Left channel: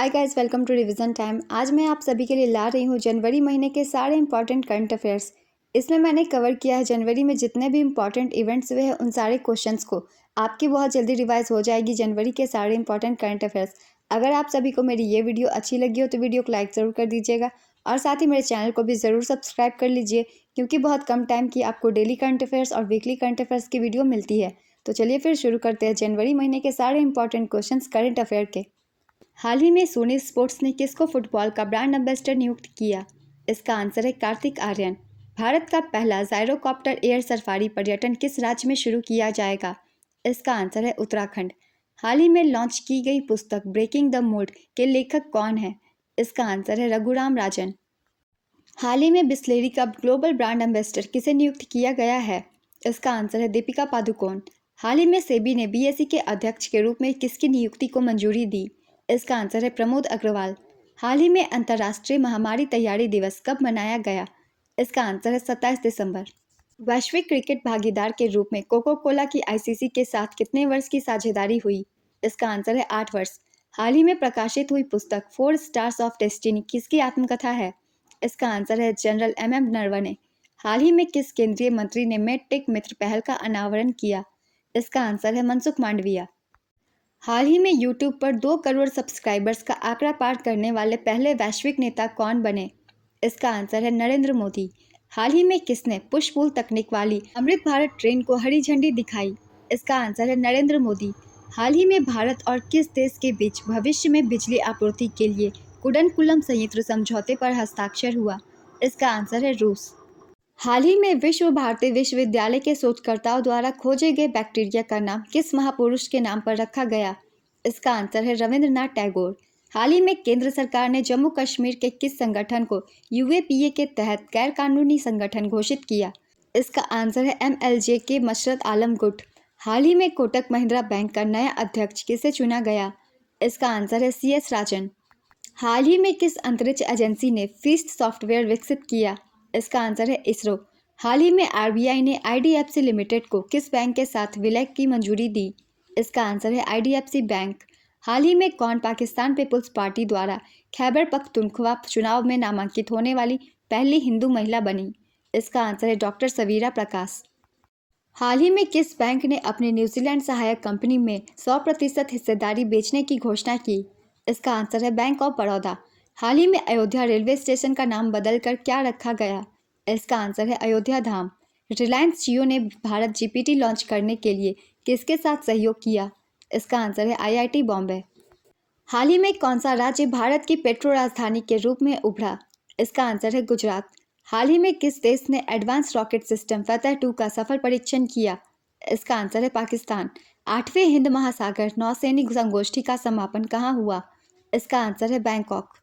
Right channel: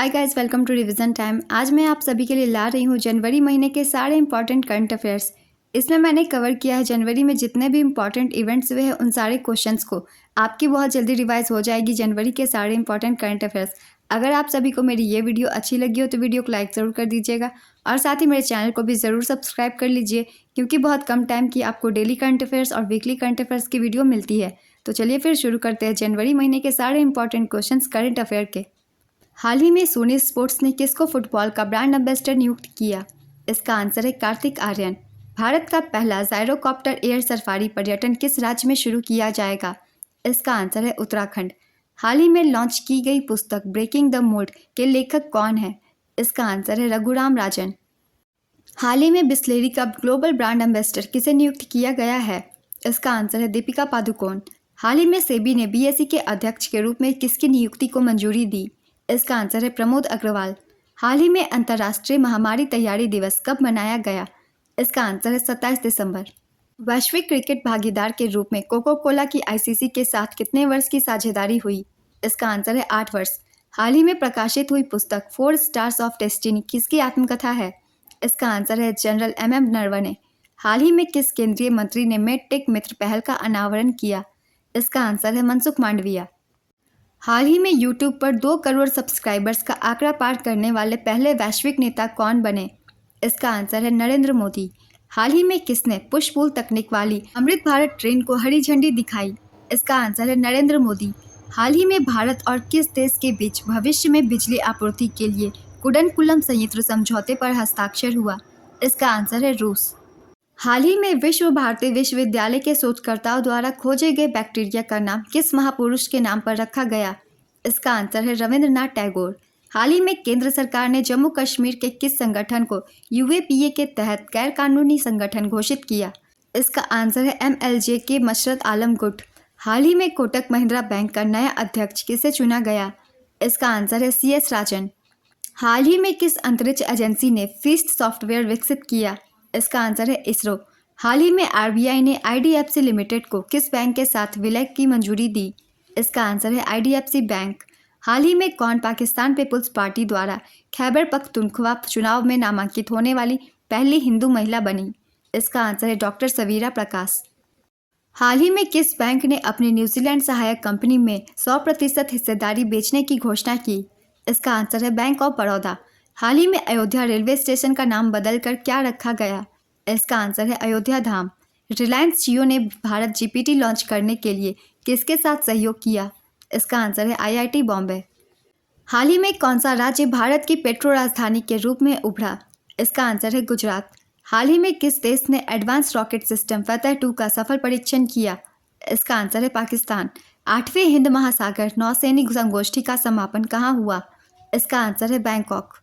Hi guys, welcome to revision time. आज मैं आप सभी के लिए ला रही हूँ जनवरी महीने के सारे इंपॉर्टेंट करंट अफेयर्स। इसमें मैंने कवर किया है जनवरी में जितने भी इंपॉर्टेंट इवेंट्स हुए हैं उन सारे क्वेश्चंस को। आपकी बहुत जल्दी रिवाइज हो जाएगी जनवरी के सारे इंपॉर्टेंट करंट अफेयर्स। अगर आप सभी को मेरी ये वीडियो अच्छी लगी हो तो वीडियो को लाइक ज़रूर कर दीजिएगा और साथ ही मेरे चैनल को भी ज़रूर सब्सक्राइब कर लीजिए, क्योंकि बहुत कम टाइम की आपको डेली करंट अफेयर्स और वीकली करंट अफेयर्स की वीडियो मिलती है। तो चलिए फिर शुरू करते हैं जनवरी महीने के सारे इंपॉर्टेंट क्वेश्चंस करंट अफेयर के। हाल ही में सोनी स्पोर्ट्स ने किसको फुटबॉल का ब्रांड एम्बेसडर नियुक्त किया? इसका आंसर है कार्तिक आर्यन। भारत का पहला जायरोकॉप्टर एयर सफारी पर्यटन किस राज्य में शुरू किया जाएगा? इसका आंसर है उत्तराखंड। हाल ही में लॉन्च की गई पुस्तक ब्रेकिंग द मोल्ड के लेखक कौन है? इसका आंसर है रघुराम राजन। हाल ही में बिस्लेरी का ग्लोबल ब्रांड एम्बेसडर किसे नियुक्त किया गया है? इसका आंसर है दीपिका पादुकोण। हाल ही में सेबी ने बीएसई के अध्यक्ष के रूप में किसकी नियुक्ति को मंजूरी दी? इसका आंसर है प्रमोद अग्रवाल। हाल ही में अंतर्राष्ट्रीय महामारी तैयारी दिवस कब मनाया गया? इसका आंसर है 27 दिसंबर। वैश्विक क्रिकेट भागीदार के रूप में कोको कोला की आईसीसी के साथ कितने वर्ष की साझेदारी हुई? इसका आंसर है 8 वर्ष। हाल ही में प्रकाशित हुई पुस्तक 4 स्टार्स ऑफ डेस्टिनी किसकी आत्मकथा है? इसका आंसर है जनरल एम नरवणे। हाल ही में किस केंद्रीय मंत्री ने मेडटेक मित्र पहल का अनावरण किया? इसका आंसर है मनसुख मांडविया। हाल ही में यूट्यूब पर 2 करोड़ सब्सक्राइबर्स का आंकड़ा पार करने वाले पहले वैश्विक नेता कौन बने? इसका आंसर है नरेंद्र मोदी। हाल ही में किसने पुश पुल तकनीक वाली अमृत भारत ट्रेन को हरी झंडी दिखाई? इसका आंसर है नरेंद्र मोदी। हाल ही में भारत और किस देश के बीच भविष्य में बिजली आपूर्ति के लिए कुडनकुलम संयंत्र समझौते पर हस्ताक्षर हुआ? इसका आंसर है रूस। हाल ही में विश्व भारती विश्वविद्यालय के शोधकर्ताओं द्वारा खोजे गए बैक्टीरिया का नाम किस महापुरुष के नाम पर रखा गया? इसका आंसर है रविंद्रनाथ टैगोर। हाल ही में केंद्र सरकार ने जम्मू कश्मीर के किस संगठन को यूएपीए के तहत गैर कानूनी संगठन घोषित किया? इसका आंसर है एमएलजे के मशरत आलम गुट। हाल ही में कोटक महिंद्रा बैंक का नया अध्यक्ष किसे चुना गया? इसका आंसर है सीएस राजन। हाल ही में किस अंतरिक्ष एजेंसी ने फीस्ट सॉफ्टवेयर विकसित किया? इसका आंसर है इसरो। हाल ही में आरबीआई ने आईडीएफसी लिमिटेड को किस बैंक के साथ विलय की मंजूरी दी? इसका आंसर है आईडीएफसी बैंक। हाल ही में कौन पाकिस्तान पीपुल्स पार्टी द्वारा खैबर पख्तूनख्वा चुनाव में नामांकित होने वाली पहली हिंदू महिला बनी? इसका आंसर है डॉक्टर सवीरा प्रकाश। हाल ही में किस बैंक ने अपनी न्यूजीलैंड सहायक कंपनी में 100% हिस्सेदारी बेचने की घोषणा की? इसका आंसर है बैंक ऑफ बड़ौदा। हाल ही में अयोध्या रेलवे स्टेशन का नाम बदलकर क्या रखा गया? इसका आंसर है अयोध्या धाम। रिलायंस जियो ने भारत जीपीटी लॉन्च करने के लिए किसके साथ सहयोग किया? इसका आंसर है आईआईटी बॉम्बे। हाल ही में कौन सा राज्य भारत की पेट्रो राजधानी के रूप में उभरा? इसका आंसर है गुजरात। हाल ही में किस देश ने एडवांस रॉकेट सिस्टम फतह 2 का सफल परीक्षण किया? इसका आंसर है पाकिस्तान। 8वें हिंद महासागर नौसैनिक संगोष्ठी का समापन कहाँ हुआ? इसका आंसर है बैंकॉक।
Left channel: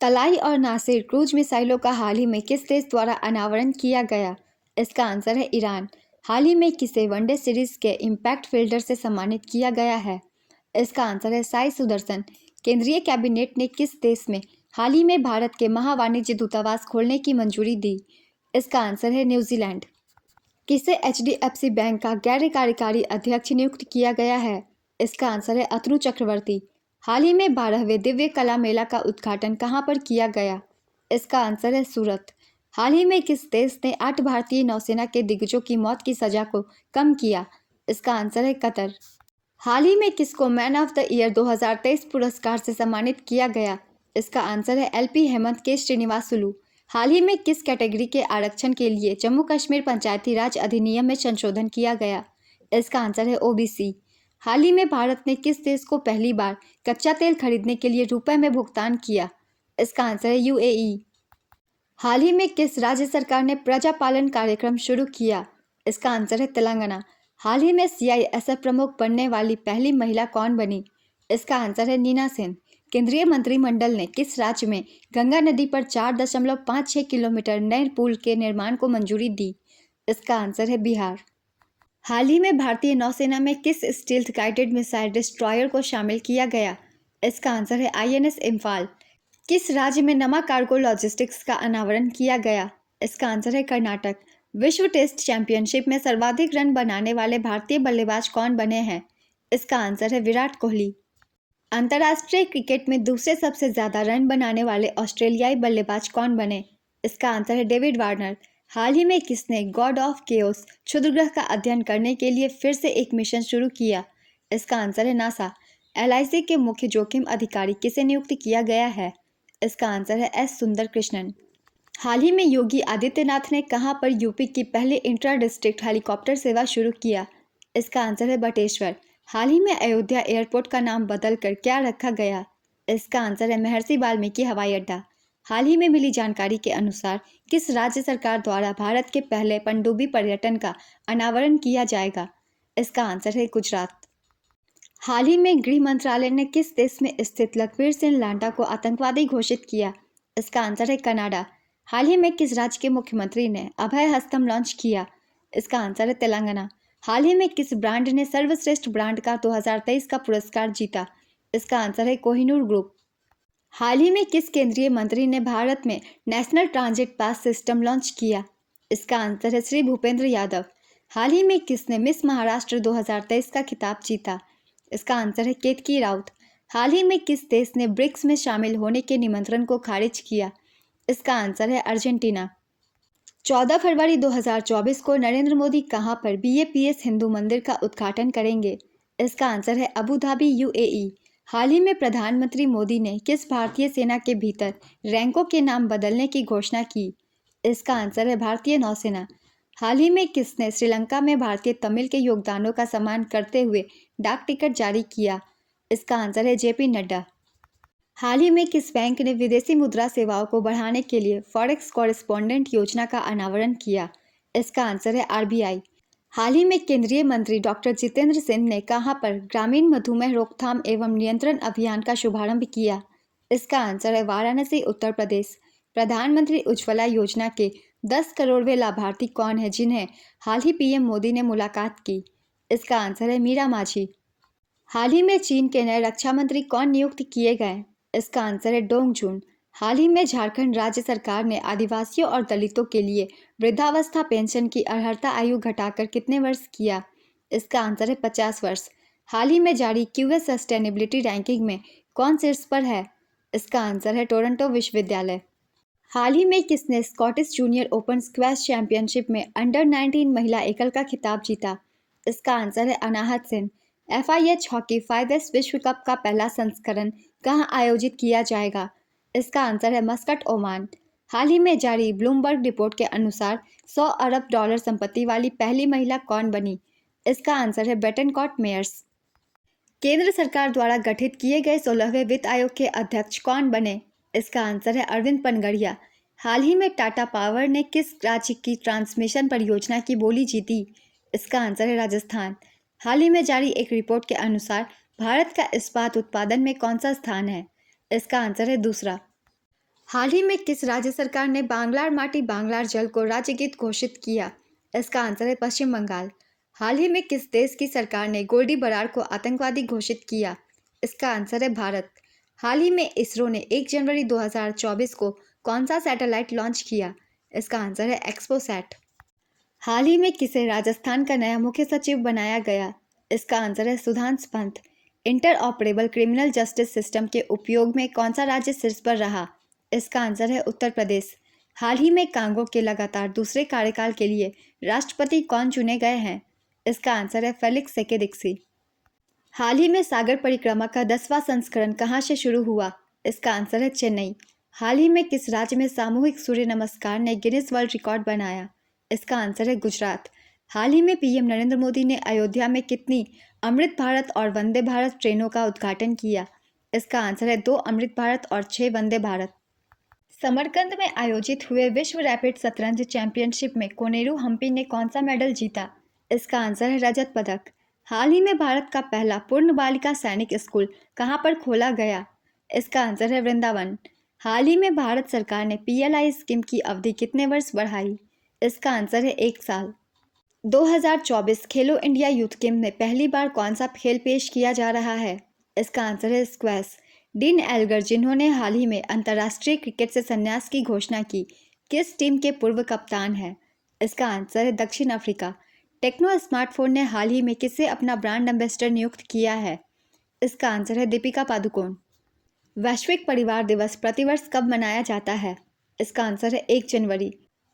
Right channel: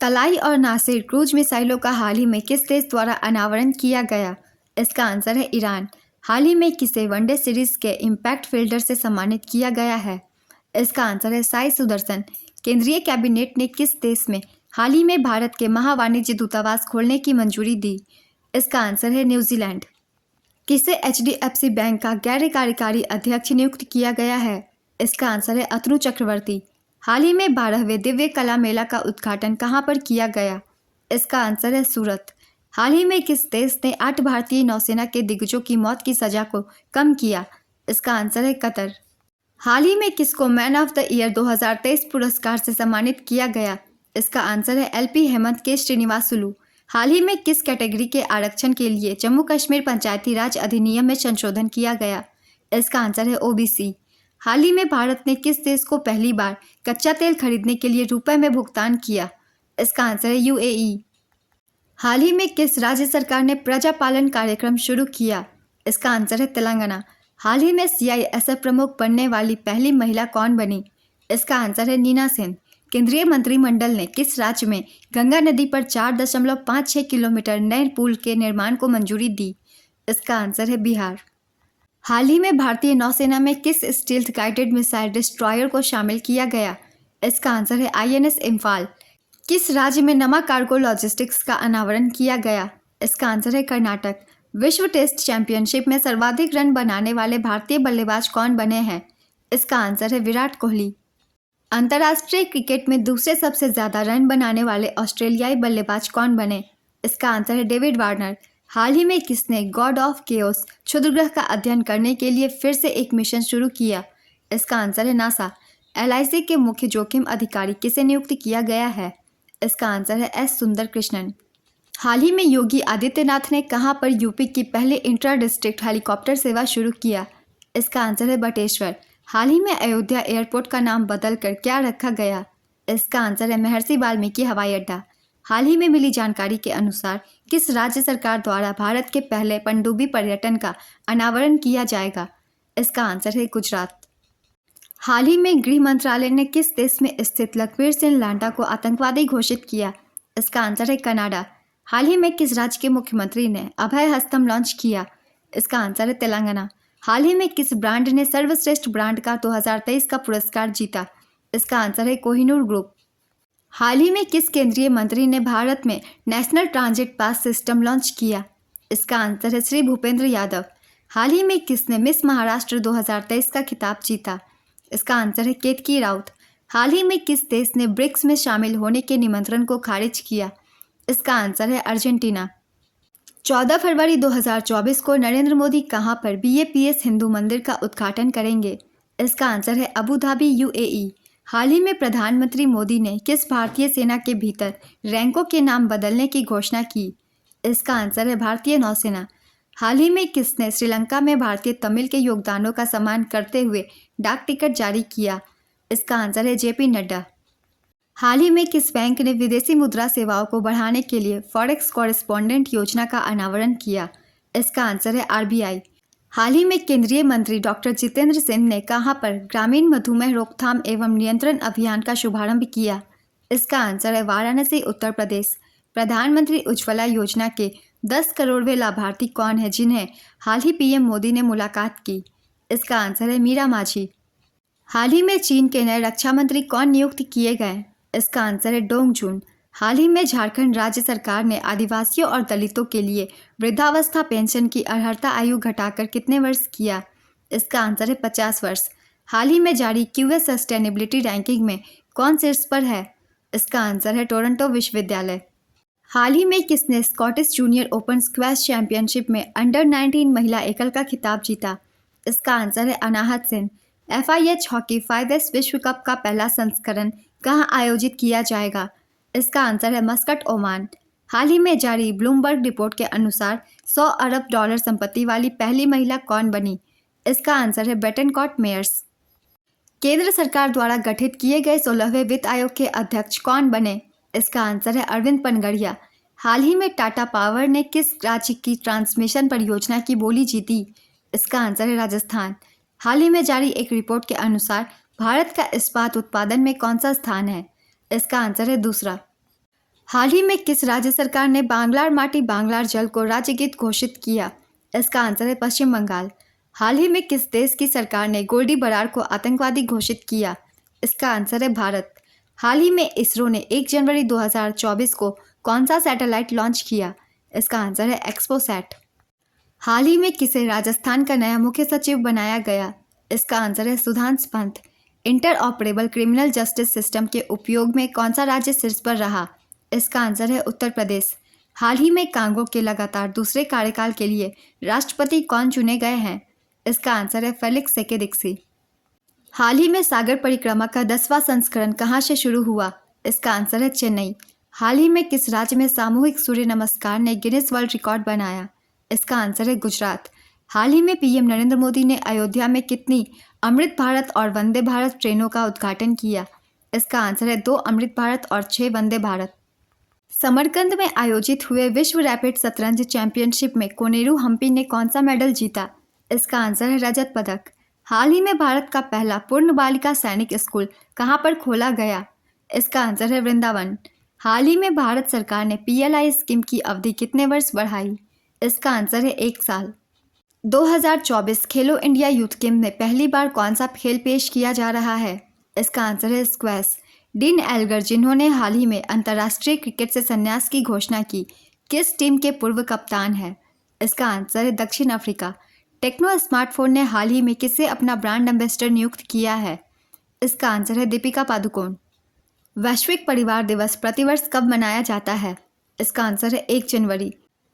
तलाई और नासिर क्रूज मिसाइलों का हाल ही में किस देश द्वारा अनावरण किया गया? इसका आंसर है ईरान। हाल ही में किसे वनडे सीरीज के इम्पैक्ट फील्डर से सम्मानित किया गया है? इसका आंसर है साई सुदर्शन। केंद्रीय कैबिनेट ने किस देश में हाल ही में भारत के महावाणिज्य दूतावास खोलने की मंजूरी दी? इसका आंसर है न्यूजीलैंड। किसे एचडीएफसी बैंक का गैर कार्यकारी अध्यक्ष नियुक्त किया गया है? इसका आंसर है अतनु चक्रवर्ती। हाल ही में 12वें दिव्य कला मेला का उद्घाटन कहाँ पर किया गया? इसका आंसर है सूरत। हाल ही में किस देश ने 8 भारतीय नौसेना के दिग्गजों की मौत की सजा को कम किया? इसका आंसर है कतर। हाल ही में किसको मैन ऑफ द ईयर 2023 पुरस्कार से सम्मानित किया गया? इसका आंसर है एलपी हेमंत के श्रीनिवासुलु। हाल ही में किस कैटेगरी के आरक्षण के लिए जम्मू कश्मीर पंचायती राज अधिनियम में संशोधन किया गया? इसका आंसर है ओबीसी। हाल ही में भारत ने किस देश को पहली बार कच्चा तेल खरीदने के लिए रुपए में भुगतान किया? इसका आंसर है यूएई। हाल ही में किस राज्य सरकार ने प्रजा पालन कार्यक्रम शुरू किया? इसका आंसर है तेलंगाना। हाल ही में सीआईएसएफ प्रमुख बनने वाली पहली महिला कौन बनी? इसका आंसर है नीना सेन। केंद्रीय मंत्रिमंडल ने किस राज्य में गंगा नदी पर 4.56 किलोमीटर नए पुल के निर्माण को मंजूरी दी? इसका आंसर है बिहार। हाल ही में भारतीय नौसेना में किस स्टील्थ गाइडेड मिसाइल डिस्ट्रॉयर को शामिल किया गया? इसका आंसर है आईएनएस इम्फाल। किस राज्य में नमा कार्गो लॉजिस्टिक्स का अनावरण किया गया? इसका आंसर है कर्नाटक। विश्व टेस्ट चैंपियनशिप में सर्वाधिक रन बनाने वाले भारतीय बल्लेबाज कौन बने हैं? इसका आंसर है विराट कोहली। अंतर्राष्ट्रीय क्रिकेट में दूसरे सबसे ज्यादा रन बनाने वाले ऑस्ट्रेलियाई बल्लेबाज कौन बने? इसका आंसर है डेविड वार्नर। हाल ही में किसने गॉड ऑफ केओस क्षुद्रग्रह का अध्ययन करने के लिए फिर से एक मिशन शुरू किया? इसका आंसर है नासा। एलआईसी के मुख्य जोखिम अधिकारी किसे नियुक्त किया गया है? इसका आंसर है एस सुंदर कृष्णन। हाल ही में योगी आदित्यनाथ ने कहां पर यूपी की पहले इंट्रा डिस्ट्रिक्ट हेलीकॉप्टर सेवा शुरू किया? इसका आंसर है बटेश्वर। हाल ही में अयोध्या एयरपोर्ट का नाम बदलकर क्या रखा गया? इसका आंसर है महर्षि वाल्मीकि हवाई अड्डा। हाल ही में मिली जानकारी के अनुसार किस राज्य सरकार द्वारा भारत के पहले पनडुब्बी पर्यटन का अनावरण किया जाएगा? इसका आंसर है गुजरात। हाल ही में गृह मंत्रालय ने किस देश में स्थित लखवीर सिंह लांडा को आतंकवादी घोषित किया? इसका आंसर है कनाडा। हाल ही में किस राज्य के मुख्यमंत्री ने अभय हस्तम लॉन्च किया? इसका आंसर है तेलंगाना। हाल ही में किस ब्रांड ने सर्वश्रेष्ठ ब्रांड का 2023 का पुरस्कार जीता? इसका आंसर है कोहिनूर ग्रुप। हाल ही में किस केंद्रीय मंत्री ने भारत में national transit pass system launch किया? इसका आंसर है श्री भूपेंद्र यादव। हाल ही में किसने मिस महाराष्ट्र 2023 का खिताब जीता? इसका आंसर है केतकी राउत। हाल ही में किस देश ने ब्रिक्स में शामिल होने के निमंत्रण को खारिज किया? इसका आंसर है अर्जेंटीना। 14 फरवरी 2024 को नरेंद्र मोदी कहां पर बीएपीएस हिंदू मंदिर का उद्घाटन करेंगे? इसका आंसर है अबू धाबी यूएई। हाल ही में प्रधानमंत्री मोदी ने किस भारतीय सेना के भीतर रैंकों के नाम बदलने की घोषणा की? इसका आंसर है भारतीय नौसेना। हाल ही में किसने श्रीलंका में भारतीय तमिल के योगदानों का सम्मान करते हुए डाक टिकट जारी किया? इसका आंसर है जेपी नड्डा। हाल ही में किस बैंक ने विदेशी मुद्रा सेवाओं को बढ़ाने के लिए फॉरेक्स कॉरेस्पॉन्डेंट योजना का अनावरण किया? इसका आंसर है आरबीआई। हाल ही में केंद्रीय मंत्री डॉक्टर जितेंद्र सिंह ने कहां पर ग्रामीण मधुमेह रोकथाम एवं नियंत्रण अभियान का शुभारंभ किया? इसका आंसर है वाराणसी, उत्तर प्रदेश। प्रधानमंत्री उज्ज्वला योजना के 10 करोड़वें लाभार्थी कौन है जिन्हें हाल ही पीएम मोदी ने मुलाकात की? इसका आंसर है मीरा माझी। हाल ही में चीन के नए रक्षा मंत्री कौन नियुक्त किए गए? इसका आंसर है डोंग जून। हाल ही में झारखंड राज्य सरकार ने आदिवासियों और दलितों के लिए वृद्धावस्था पेंशन की अर्हता आयु घटाकर कितने वर्ष किया? इसका आंसर है 50 वर्ष। हाल ही में जारी क्यूएस सस्टेनेबिलिटी रैंकिंग में कौन शीर्ष पर है? इसका आंसर है टोरंटो विश्वविद्यालय। हाल ही में किसने Scottish junior open squash championship में अंडर 19 महिला एकल का खिताब जीता? इसका आंसर है अनाहत सेन। FIH हॉकी 5S विश्व कप का पहला संस्करण कहां आयोजित किया जाएगा? इसका आंसर है मस्कट, ओमान। हाल ही में जारी ब्लूमबर्ग रिपोर्ट के अनुसार 100 अरब डॉलर संपत्ति वाली पहली महिला कौन बनी? इसका आंसर है बेटनकॉट मेयर्स। केंद्र सरकार द्वारा गठित किए गए 16वें वित्त आयोग के अध्यक्ष कौन बने? इसका आंसर है अरविंद पनगड़िया। हाल ही में टाटा पावर ने किस राज्य की ट्रांसमिशन परियोजना की बोली जीती? इसका आंसर है राजस्थान। हाल ही में जारी एक रिपोर्ट के अनुसार भारत का इस्पात उत्पादन में कौन सा स्थान है? इसका आंसर है दूसरा। हाल ही में किस राज्य सरकार ने बांग्लार माटी बांग्लार जल को राज्य गीत घोषित किया? इसका आंसर है पश्चिम बंगाल। हाल ही में किस देश की सरकार ने गोल्डी बरार को आतंकवादी घोषित किया? इसका आंसर है भारत। हाल ही में इसरो ने 1 जनवरी 2024 को कौन सा सैटेलाइट लॉन्च किया? इसका आंसर है एक्सपोसैट। हाल ही में किसे राजस्थान का नया मुख्य सचिव बनाया गया? इसका आंसर है Sudhansh Pant. Inter operable criminal justice system के उपयोग में कौन सा राज्य शीर्ष पर रहा? इसका आंसर है उत्तर प्रदेश। हाल ही में कांगो के लगातार दूसरे कार्यकाल के लिए राष्ट्रपति कौन चुने गए हैं? इसका आंसर है फेलिक्स सेकेदिक्सी। हाल ही में सागर परिक्रमा का 10वां संस्करण कहां से शुरू हुआ? इसका आंसर है चेन्नई। हाल ही में किस राज्य में सामूहिक सूर्य नमस्कार ने गिनीज वर्ल्ड रिकॉर्ड बनाया? इसका आंसर है गुजरात। हाल ही में पीएम नरेंद्र मोदी ने अयोध्या में कितनी अमृत भारत और वंदे भारत ट्रेनों का उद्घाटन किया? इसका आंसर है 2 अमृत भारत और 6 वंदे भारत। समरकंद में आयोजित हुए विश्व रैपिड शतरंज चैंपियनशिप में कोनेरू हम्पी ने कौन सा मेडल जीता? इसका आंसर है रजत पदक। हाल ही में भारत का पहला पूर्ण बालिका सैनिक स्कूल कहां पर खोला गया? इसका आंसर है वृंदावन। हाल ही में भारत सरकार ने PLI स्कीम की अवधि कितने वर्ष बढ़ाई? इसका आंसर है 1 साल। 2024 खेलो इंडिया यूथ गेम में पहली बार कौन सा खेल पेश किया जा रहा है? इसका आंसर है स्क्वैश। डीन एल्गर, जिन्होंने हाल ही में अंतर्राष्ट्रीय क्रिकेट से संन्यास की घोषणा की, किस टीम के पूर्व कप्तान हैं? इसका आंसर है दक्षिण अफ्रीका। टेक्नो स्मार्टफोन ने हाल ही में किसे अपना ब्रांड एम्बेसडर नियुक्त किया है? इसका आंसर है दीपिका पादुकोण। वैश्विक परिवार दिवस प्रतिवर्ष कब मनाया जाता है? इसका आंसर है 1 जनवरी।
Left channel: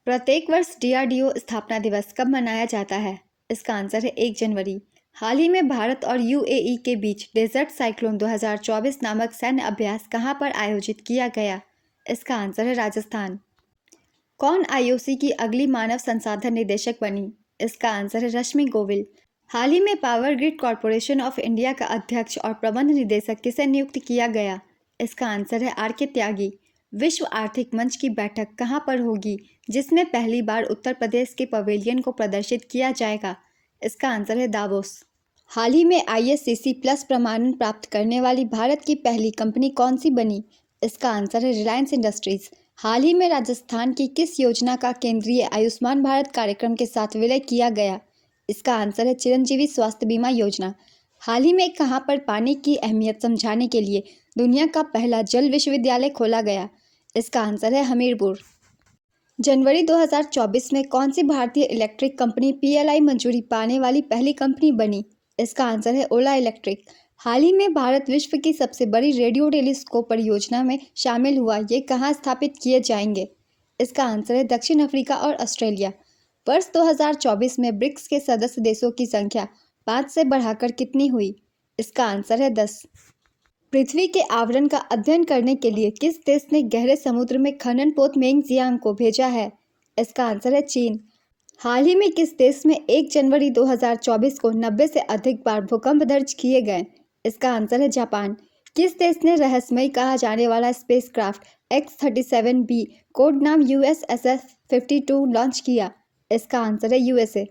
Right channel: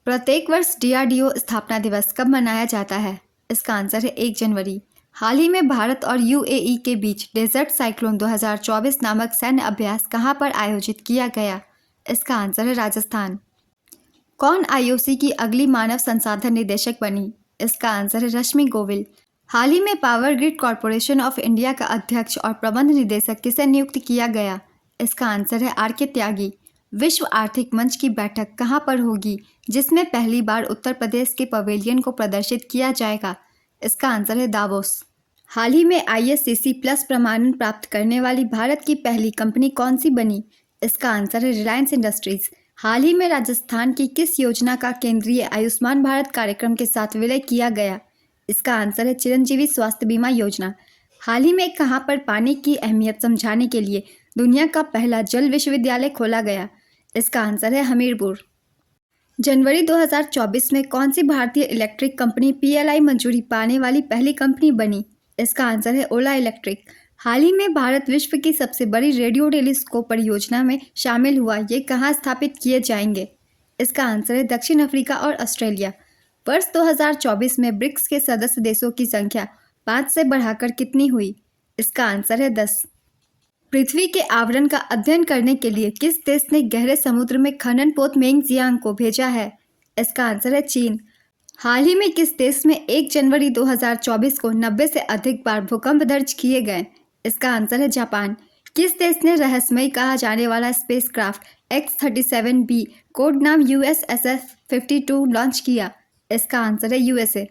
प्रत्येक वर्ष डीआरडीओ स्थापना दिवस कब मनाया जाता है? इसका आंसर है 1 जनवरी। हाल ही में भारत और यूएई के बीच डेजर्ट साइक्लोन 2024 नामक सैन्य अभ्यास कहां पर आयोजित किया गया? इसका आंसर है राजस्थान। कौन आईओसी की अगली मानव संसाधन निदेशक बनी? इसका आंसर है रश्मि गोविल। हाल ही में power grid corporation of India का अध्यक्ष और प्रबंध निदेशक किसे नियुक्त किया गया? इसका आंसर है आर.के. त्यागी। विश्व आर्थिक मंच की बैठक कहां पर होगी, जिसमें पहली बार उत्तर प्रदेश के पवेलियन को प्रदर्शित किया जाएगा? इसका आंसर है दावोस। हाल ही में ISCC प्लस प्रमाणन प्राप्त करने वाली भारत की पहली कंपनी कौन सी बनी? इसका आंसर है रिलायंस इंडस्ट्रीज। हाल ही में राजस्थान की किस योजना का केंद्रीय आयुष्मान भारत कार्यक्रम के साथ विलय किया गया? इसका आंसर है चिरंजीवी स्वास्थ्य बीमा योजना। हाल ही में कहां पर पानी की अहमियत समझाने के लिए दुनिया का पहला जल विश्वविद्यालय खोला गया? इसका आंसर है हमीरपुर। जनवरी 2024 में कौन सी भारतीय इलेक्ट्रिक कंपनी PLI मंजूरी पाने वाली पहली कंपनी बनी? इसका आंसर है ओला इलेक्ट्रिक। हाल ही में भारत विश्व की सबसे बड़ी रेडियो टेलीस्कोप परियोजना में शामिल हुआ। ये कहाँ स्थापित किए जाएंगे? इसका आंसर है दक्षिण अफ्रीका और ऑस्ट्रेलिया। वर्ष 2024 में ब्रिक्स के सदस्य देशों की संख्या 5 से बढ़ाकर कितनी हुई? इसका आंसर है 10। पृथ्वी के आवरण का अध्ययन करने के लिए किस देश ने गहरे समुद्र में खनन पोत मेंगजियांग को भेजा है? इसका आंसर है चीन। हाल ही में किस देश में 1 जनवरी 2024 को 90 से अधिक बार भूकंप दर्ज किए गए? इसका आंसर है जापान। किस देश ने रहस्यमय कहा जाने वाला स्पेसक्राफ्ट X-37B कोड नाम USSF-52 लॉन्च किया? इसका आंसर है USA।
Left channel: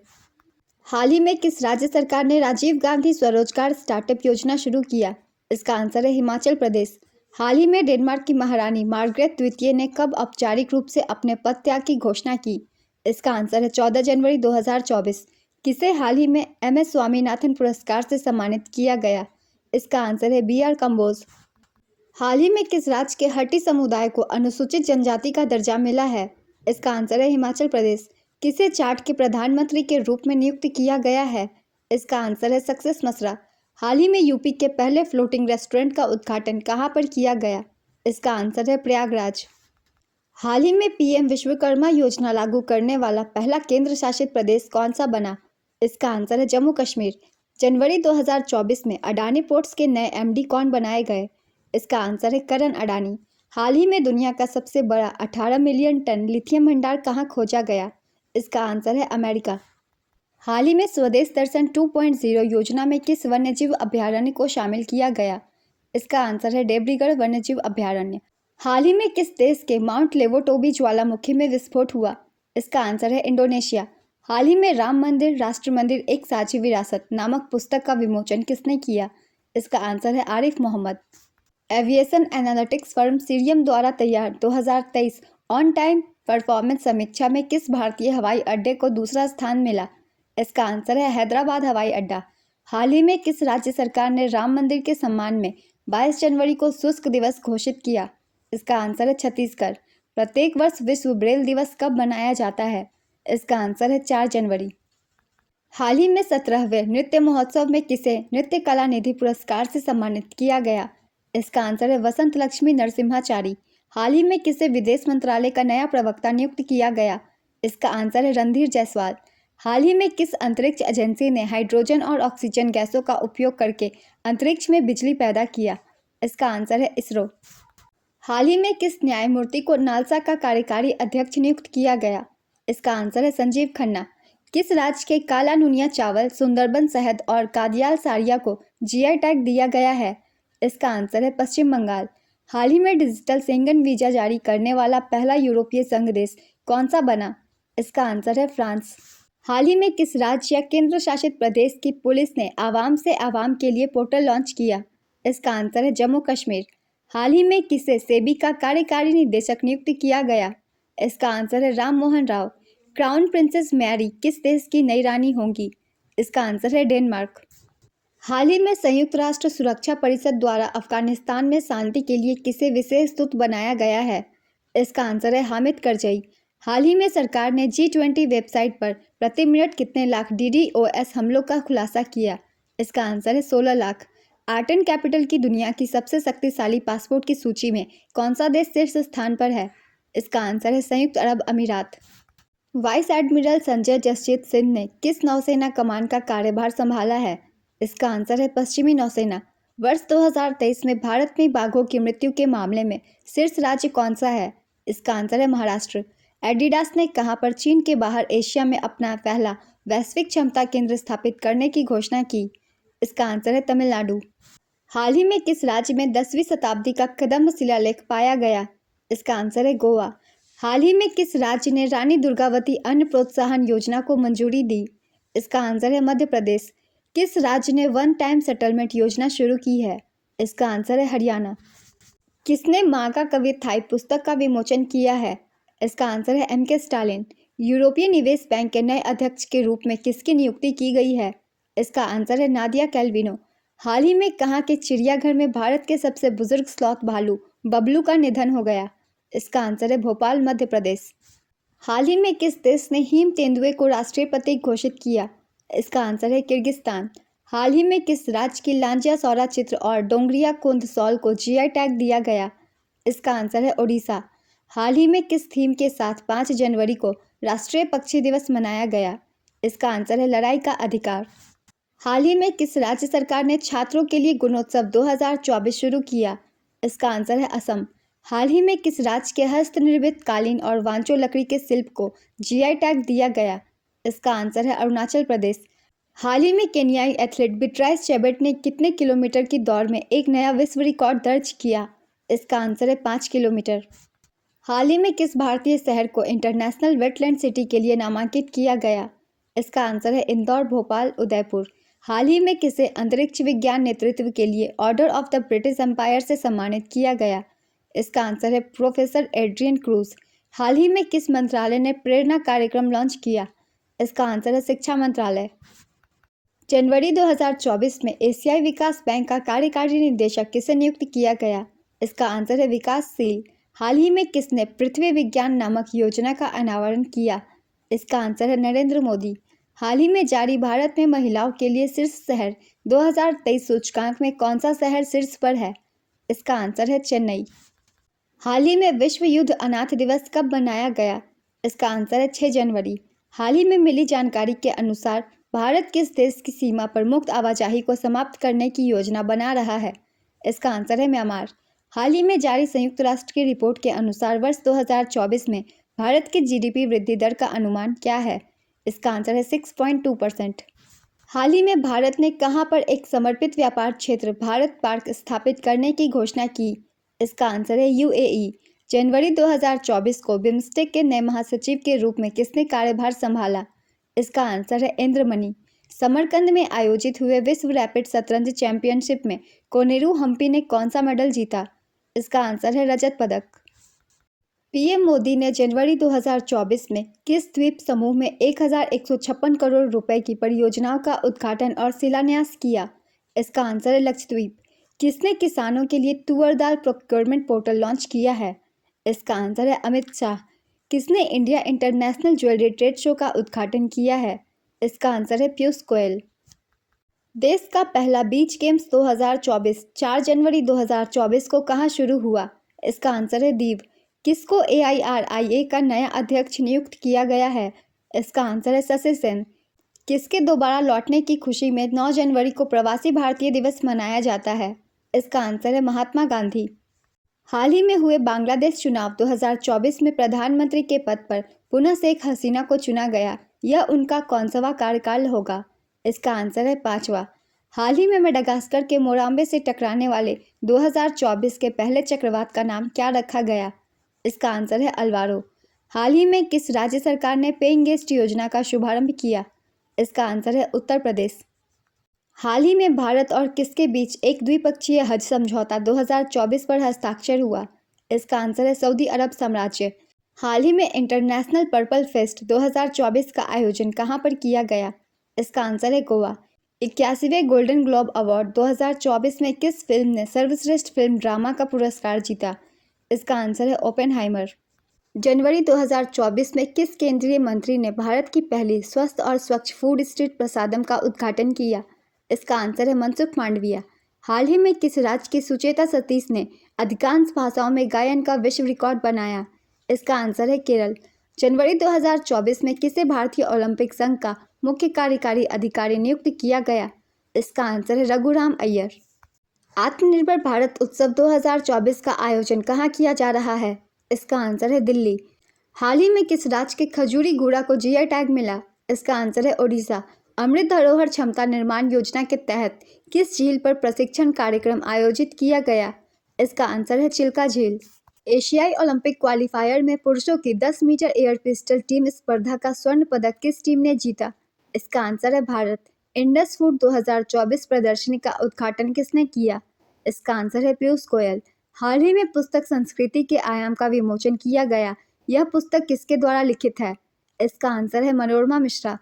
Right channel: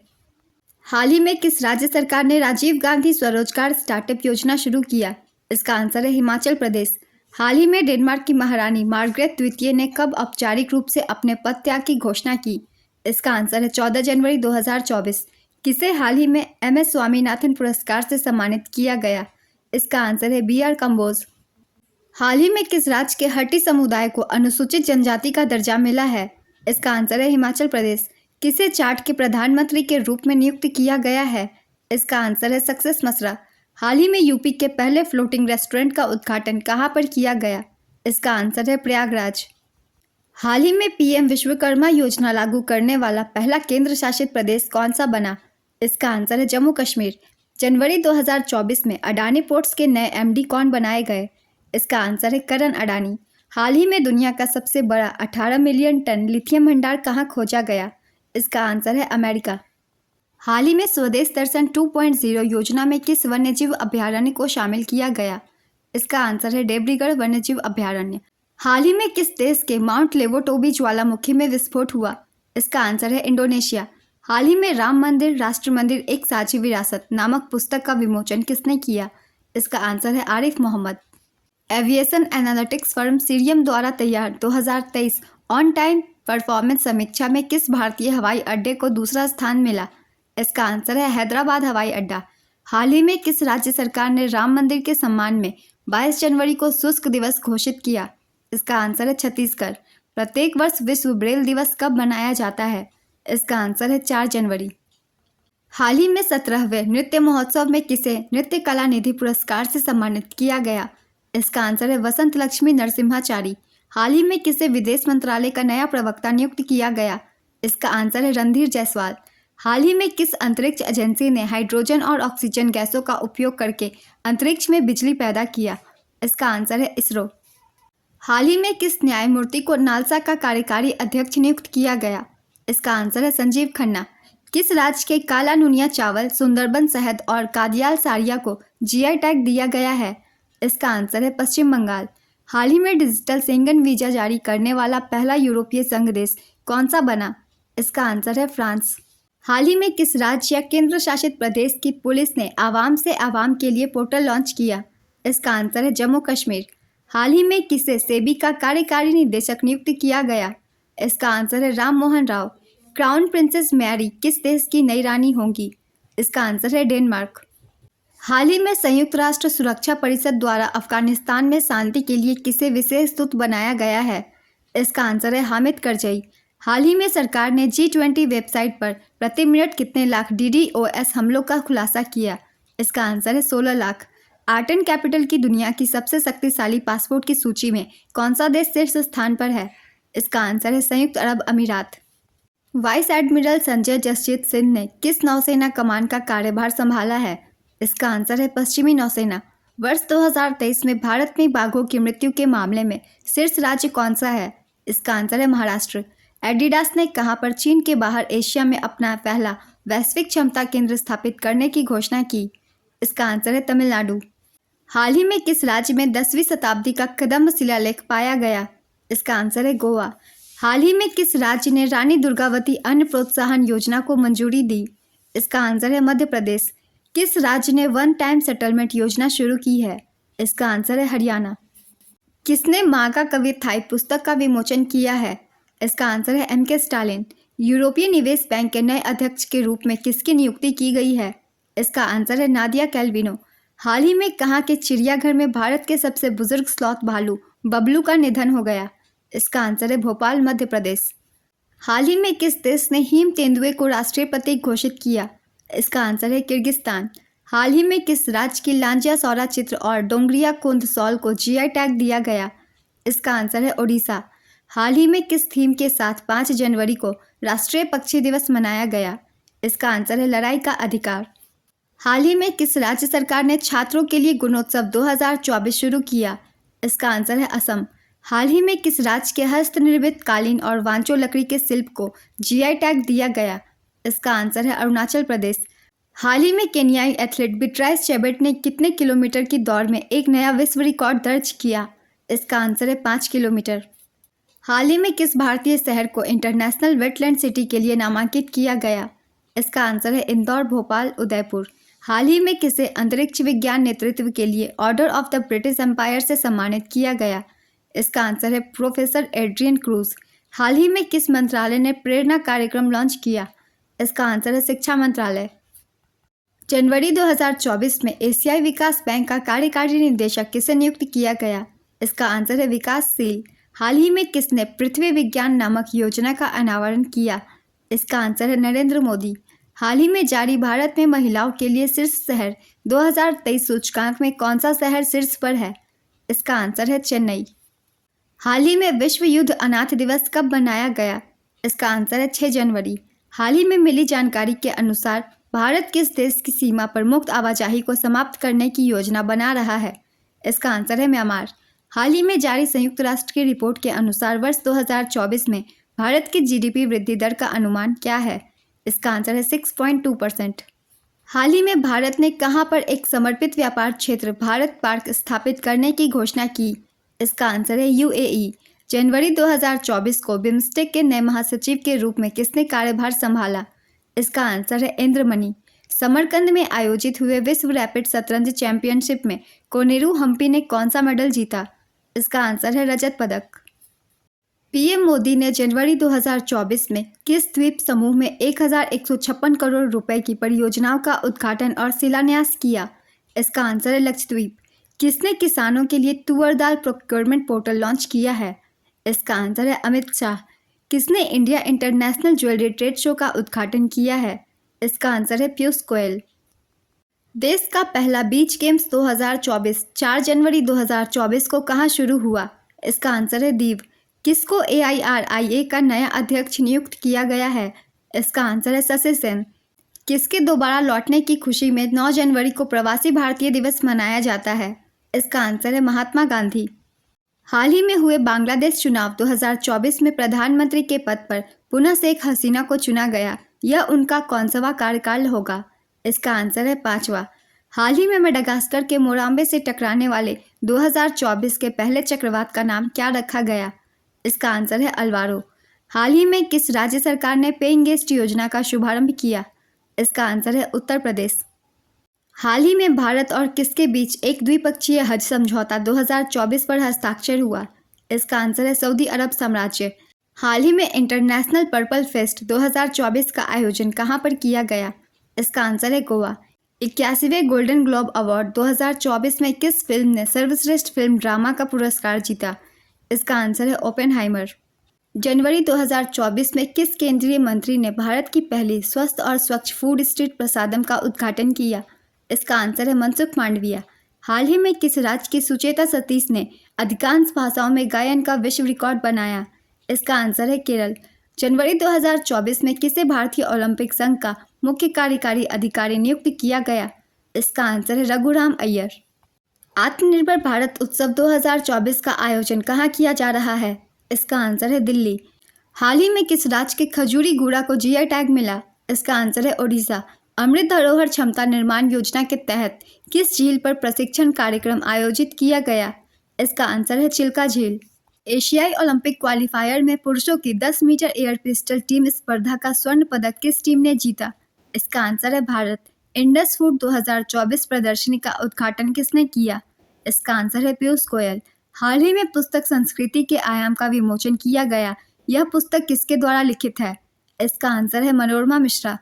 हाल ही में किस राज्य सरकार ने राजीव गांधी स्वरोजगार स्टार्टअप योजना शुरू किया? इसका आंसर है हिमाचल प्रदेश। हाल ही में डेनमार्क की महारानी मार्गरेट द्वितीय ने कब औपचारिक रूप से अपने पद त्याग की घोषणा की? इसका आंसर है 14 जनवरी 2024। किसे हाल ही में MS स्वामीनाथन पुरस्कार से सम्मानित किया गया? इसका आंसर है BR कंबोज। हाल ही में किस राज्य के हट्टी समुदाय को अनुसूचित जनजाति का दर्जा मिला है? इसका आंसर है हिमाचल प्रदेश। किसे चार्ट के प्रधानमंत्री के रूप में नियुक्त किया गया है? इसका आंसर है सक्सेस मसरा। हाल ही में यूपी के पहले फ्लोटिंग रेस्टोरेंट का उद्घाटन कहां पर किया गया? इसका आंसर है प्रयागराज। हाल ही में PM विश्वकर्मा योजना लागू करने वाला पहला केंद्र शासित प्रदेश कौन सा बना? इसका आंसर है जम्मू कश्मीर। जनवरी 2024 में अडानी पोर्ट्स के नए MD कौन बनाए गए? इसका आंसर है करण अडानी। हाल ही में दुनिया का सबसे बड़ा 18 मिलियन टन लिथियम भंडार कहाँ खोजा गया? इसका आंसर है अमेरिका। हाल ही में स्वदेश दर्शन 2.0 योजना में किस वन्यजीव अभयारण्य को शामिल किया गया? इसका आंसर है देवरीगढ़ वन्यजीव अभयारण्य। हाल ही में किस देश के माउंट लेवोटोबी ज्वालामुखी में विस्फोट हुआ? इसका आंसर है इंडोनेशिया। हाल ही में राम मंदिर राष्ट्र मंदिर एक साझी विरासत नामक पुस्तक का विमोचन किसने किया? इसका आंसर है Arif Mohammad. Aviation analytics firm Cirium द्वारा तैयार 2023 ऑन टाइम परफॉर्मेंस समीक्षा में किस भारतीय हवाई अड्डे को दूसरा स्थान मिला? इसका आंसर है हैदराबाद हवाई अड्डा। हाल ही में किस राज्य सरकार ने राम मंदिर के सम्मान में 22 जनवरी को शुष्क दिवस घोषित किया? इसका आंसर है छत्तीसगढ़। प्रत्येक वर्ष विश्व ब्रेल दिवस कब मनाया जाता है? इसका आंसर है 4 जनवरी। हाल ही में 17वें नृत्य महोत्सव में किसे नृत्य कला निधि पुरस्कार से सम्मानित किया गया? इसका आंसर है वसंत लक्ष्मी नरसिम्हाचारी। हाल ही में किसे विदेश मंत्रालय का नया प्रवक्ता नियुक्त किया गया? इसका आंसर है रणधीर जायसवाल। हाल ही में किस अंतरिक्ष एजेंसी ने हाइड्रोजन और ऑक्सीजन गैसों का उपयोग करके अंतरिक्ष में बिजली पैदा किया? इसका आंसर है इसरो। हाल ही में किस न्यायमूर्ति को नालसा का कार्यकारी अध्यक्ष नियुक्त किया गया? इसका आंसर है संजीव खन्ना। किस राज्य के काला नुनिया चावल, सुंदरबन शहद और कादियाल साड़िया को GI टैग दिया गया है? इसका आंसर है पश्चिम बंगाल। हाल ही में डिजिटल शेंगन वीजा जारी करने वाला पहला यूरोपीय संघ देश कौन सा बना? इसका आंसर है फ्रांस। हाल ही में किस राज्य या केंद्र शासित प्रदेश की पुलिस ने आवाम से आवाम के लिए पोर्टल लॉन्च किया? इसका आंसर है जम्मू कश्मीर। हाल ही में किसे सेबी का कार्यकारी निदेशक नियुक्त किया गया? इसका आंसर है Ram Mohan Rao. Crown princess Mary किस देश की नई रानी होंगी? इसका आंसर है डेनमार्क। हाल ही में संयुक्त राष्ट्र सुरक्षा परिषद द्वारा अफगानिस्तान में शांति के लिए किसे विशेष दूत बनाया गया है? इसका आंसर है हामिद करजई। हाल ही में सरकार ने G20 वेबसाइट पर प्रति मिनट कितने लाख DDoS हमलों का खुलासा किया? इसका आंसर है 16 लाख। आर्ट एंड कैपिटल की दुनिया की सबसे शक्तिशाली पासपोर्ट की सूची में कौन सा देश शीर्ष स्थान पर है? इसका आंसर है संयुक्त अरब अमीरात। वाइस एडमिरल संजय जसजीत सिंह ने किस नौसेना कमान का कार्यभार संभाला है? इसका आंसर है पश्चिमी नौसेना। वर्ष 2023 में भारत में बाघों की मृत्यु के मामले में शीर्ष राज्य कौन सा है? इसका आंसर है महाराष्ट्र। एडिडास ने कहां पर चीन के बाहर एशिया में अपना पहला वैश्विक क्षमता केंद्र स्थापित करने की घोषणा की? इसका आंसर है तमिलनाडु। हाल ही में किस राज्य में 10वीं शताब्दी का कदम्ब शिलालेख पाया गया? इसका आंसर है गोवा। हाल ही में किस राज्य ने रानी दुर्गावती अन्न प्रोत्साहन योजना को मंजूरी दी? इसका आंसर है मध्य प्रदेश। किस राज्य ने वन टाइम सेटलमेंट योजना शुरू की है? इसका आंसर है हरियाणा। किसने माँ का कवित्थाई पुस्तक का विमोचन किया है? इसका आंसर है एम के स्टालिन। यूरोपीय निवेश बैंक के नए अध्यक्ष के रूप में किसकी नियुक्ति की गई है? इसका आंसर है नादिया कैल्विनो। हाल ही में कहाँ के चिड़ियाघर में भारत के सबसे बुजुर्ग स्लॉथ भालू बबलू का निधन हो गया? इसका आंसर है भोपाल, मध्य प्रदेश। हाल ही में किस देश ने हीम तेंदुए को राष्ट्रीय प्रतीक घोषित किया? इसका आंसर है किर्गिस्तान। हाल ही में किस राज्य की लांजिया सौरा चित्र और डोंगरिया कुंद सॉल को जीआई टैग दिया गया? इसका आंसर है ओडिशा। हाल ही में किस थीम के साथ 5 जनवरी को राष्ट्रीय पक्षी दिवस मनाया गया? इसका आंसर है लड़ाई का अधिकार। हाल ही में किस राज्य सरकार ने छात्रों के लिए गुणोत्सव 2024 शुरू किया? इसका आंसर है असम। हाल ही में किस राज्य के हस्तनिर्मित कालीन और वांचो लकड़ी के शिल्प को जीआई टैग दिया गया? इसका आंसर है अरुणाचल प्रदेश। हाल ही में केन्याई एथलीट बिट्राइस चेबेट ने कितने किलोमीटर की दौड़ में एक नया विश्व रिकॉर्ड दर्ज किया? इसका आंसर है 5 किलोमीटर। हाल ही में किस भारतीय शहर को इंटरनेशनल वेटलैंड सिटी के लिए नामांकित किया गया? इसका आंसर है इंदौर, भोपाल, उदयपुर। हाल ही में किसे अंतरिक्ष विज्ञान नेतृत्व के लिए Order of the British Empire से सम्मानित किया गया? इसका आंसर है प्रोफेसर एड्रियन क्रूज। हाल ही में किस मंत्रालय ने प्रेरणा कार्यक्रम लॉन्च किया? इसका आंसर है शिक्षा मंत्रालय। जनवरी 2024 में एशियाई विकास बैंक का कार्यकारी निदेशक किसे नियुक्त किया गया? इसका आंसर है विकासशील। हाल ही में किसने पृथ्वी विज्ञान नामक योजना का अनावरण किया? इसका आंसर है नरेंद्र मोदी। हाल ही में जारी भारत में महिलाओं के लिए शीर्ष शहर 2023 सूचकांक में कौन सा शहर शीर्ष पर है? इसका आंसर है चेन्नई। हाल ही में विश्व युद्ध अनाथ दिवस कब मनाया गया? इसका आंसर है 6 जनवरी। हाल ही में मिली जानकारी के अनुसार भारत किस देश की सीमा पर मुक्त आवाजाही को समाप्त करने की योजना बना रहा है? इसका आंसर है म्यांमार। हाल ही में जारी संयुक्त राष्ट्र की रिपोर्ट के अनुसार वर्ष 2024 में भारत की जीडीपी वृद्धि दर का अनुमान क्या है? इसका आंसर है 6.2%। हाल ही में भारत ने कहां पर एक समर्पित व्यापार क्षेत्र भारत पार्क स्थापित करने की घोषणा की? इसका आंसर है यूएई। जनवरी 2024 को बिम्स्टेक के नए महासचिव के रूप में किसने कार्यभार संभाला? इसका आंसर है इंद्रमणि। समरकंद में आयोजित हुए विश्व रैपिड शतरंज चैंपियनशिप में कोनेरू हम्पी ने कौन सा मेडल जीता? इसका आंसर है रजत पदक। पीएम मोदी ने जनवरी 2024 में किस द्वीप समूह में 1156 करोड़ रुपए की परियोजनाओं का उद्घाटन और शिलान्यास किया? इसका आंसर है लक्षद्वीप। किसने किसानों के लिए तुअर दाल प्रोक्योरमेंट पोर्टल लॉन्च किया है? इसका आंसर है अमित शाह। किसने India international jewellery trade show का उद्घाटन किया है? इसका आंसर है पीयूष गोयल। देश का पहला बीच गेम्स 2024 4 जनवरी 2024 को कहां शुरू हुआ? इसका आंसर है दीव। किसको AIRIA का नया अध्यक्ष नियुक्त किया गया है? इसका आंसर है शशि सेन। किसके दोबारा लौटने की खुशी में 9 जनवरी को प्रवासी भारतीय दिवस मनाया जाता है? इसका आंसर है महात्मा गांधी। हाल ही में हुए बांग्लादेश चुनाव 2024 में प्रधानमंत्री के पद पर पुनः शेख हसीना को चुना गया। यह उनका कौनसवा कार्यकाल होगा? इसका आंसर है 5वां। हाल ही में मेडागास्कर के मोराम्बे से टकराने वाले 2024 के पहले चक्रवात का नाम क्या रखा गया? इसका आंसर है अल्वारो। हाल ही में किस राज्य सरकार ने पेइंग गेस्ट योजना का शुभारंभ किया? इसका आंसर है उत्तर प्रदेश। हाल ही में भारत और किसके बीच एक द्विपक्षीय हज समझौता 2024 पर हस्ताक्षर हुआ? इसका आंसर है सऊदी अरब साम्राज्य। हाल ही में इंटरनेशनल पर्पल फेस्ट 2024 का आयोजन कहां पर किया गया? इसका आंसर है गोवा। 81वें गोल्डन ग्लोब अवार्ड 2024 में किस फिल्म ने सर्वश्रेष्ठ फिल्म ड्रामा का पुरस्कार जीता? इसका आंसर है ओपेनहाइमर। जनवरी 2024 में किस केंद्रीय मंत्री ने भारत की पहली स्वस्थ और स्वच्छ फूड स्ट्रीट प्रसादम का उद्घाटन किया? इसका आंसर है मनसुख मांडविया। हाल ही में किस राज्य की सुचेता सतीश ने अधिकांश भाषाओं में गायन का विश्व रिकॉर्ड बनाया? इसका आंसर है केरल। जनवरी 2024 में किसे भारतीय ओलंपिक संघ का मुख्य कार्यकारी अधिकारी नियुक्त किया गया? इसका आंसर है रघुराम अय्यर। आत्मनिर्भर भारत उत्सव 2024 का आयोजन कहाँ किया जा रहा है? इसका आंसर है दिल्ली। हाल ही में किस राज्य के खजूरी गुड़ा को जीआई टैग मिला? इसका आंसर है ओडिशा। अमृत धरोहर क्षमता निर्माण योजना के तहत किस झील पर प्रशिक्षण कार्यक्रम आयोजित किया गया? इसका आंसर है चिल्का झील। एशियाई ओलंपिक क्वालिफायर में पुरुषों की 10 मीटर एयर पिस्टल टीम स्पर्धा का स्वर्ण पदक किस टीम ने जीता? इसका आंसर है भारत। इंडस फूड 2024 प्रदर्शनी का उद्घाटन किसने किया? इसका आंसर है पीयूष गोयल। हाल ही में पुस्तक संस्कृति के आयाम का विमोचन किया गया। यह पुस्तक किसके द्वारा लिखित है? इसका आंसर है मनोरमा मिश्रा।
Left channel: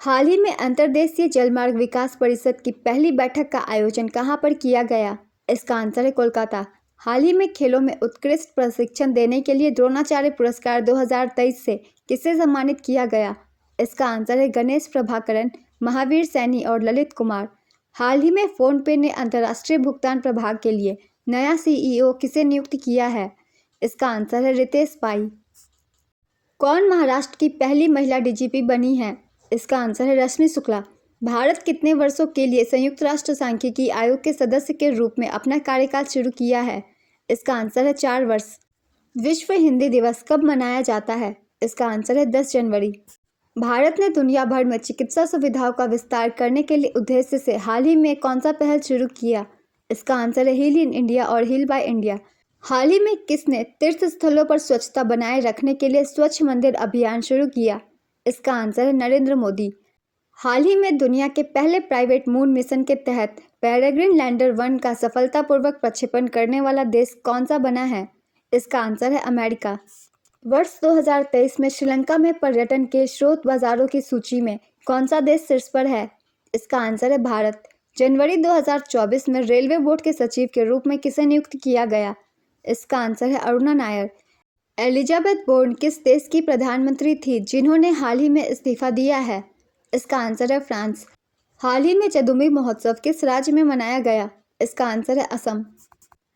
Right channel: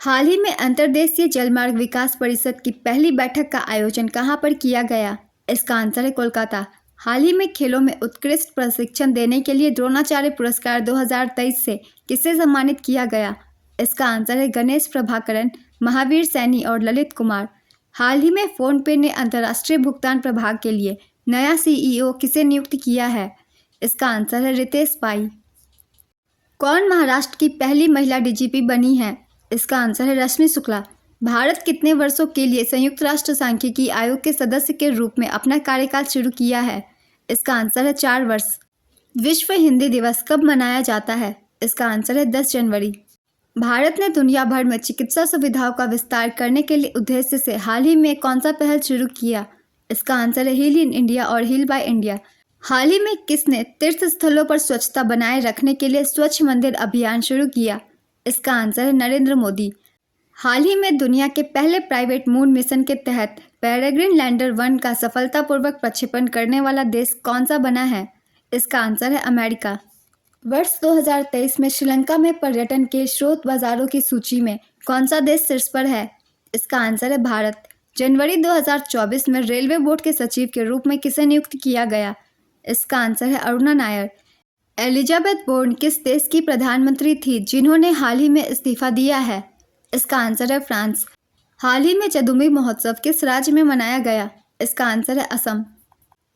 हाल ही में अंतर्देशीय जलमार्ग विकास परिषद की पहली बैठक का आयोजन कहाँ पर किया गया? इसका आंसर है कोलकाता। हाल ही में खेलों में उत्कृष्ट प्रशिक्षण देने के लिए द्रोणाचार्य पुरस्कार 2023 से किसे सम्मानित किया गया? इसका आंसर है गणेश प्रभाकरन, महावीर सैनी और ललित कुमार। हाल ही में फोनपे ने अंतर्राष्ट्रीय भुगतान प्रभाग के लिए नया सीईओ किसे नियुक्त किया है? इसका आंसर है रितेश पाई। कौन महाराष्ट्र की पहली महिला डीजीपी बनी है? इसका आंसर है रश्मि शुक्ला। भारत कितने वर्षों के लिए संयुक्त राष्ट्र सांख्यिकी आयोग के सदस्य के रूप में अपना कार्यकाल शुरू किया है? इसका आंसर है 4 वर्ष। विश्व हिंदी दिवस कब मनाया जाता है? इसका आंसर है 10 जनवरी। भारत ने दुनिया भर में चिकित्सा सुविधाओं का विस्तार करने के लिए उद्देश्य से हाल ही में कौन सा पहल शुरू किया? इसका आंसर है हील इन इंडिया और हील बाय इंडिया। हाल ही में किसने तीर्थ स्थलों पर स्वच्छता बनाए रखने के लिए स्वच्छ मंदिर अभियान शुरू किया? इसका आंसर है नरेंद्र मोदी। हाल ही में दुनिया के पहले प्राइवेट मून मिशन के तहत पेरेग्रिन लैंडर 1 का सफलतापूर्वक प्रक्षेपण करने वाला देश कौन सा बना है? इसका आंसर है अमेरिका। वर्ष 2023 में श्रीलंका में पर्यटन के स्रोत बाजारों की सूची में कौन सा देश शीर्ष पर है? इसका आंसर है भारत। जनवरी 2024 में रेलवे बोर्ड के सचिव के रूप में किसे नियुक्त किया गया? इसका आंसर है अरुणा नायर। एलिजाबेथ बोर्न किस देश की प्रधानमंत्री थी जिन्होंने हाल ही में इस्तीफा दिया है? इसका आंसर है फ्रांस। हाल ही में जदुमी महोत्सव किस राज्य में मनाया गया? इसका आंसर है असम।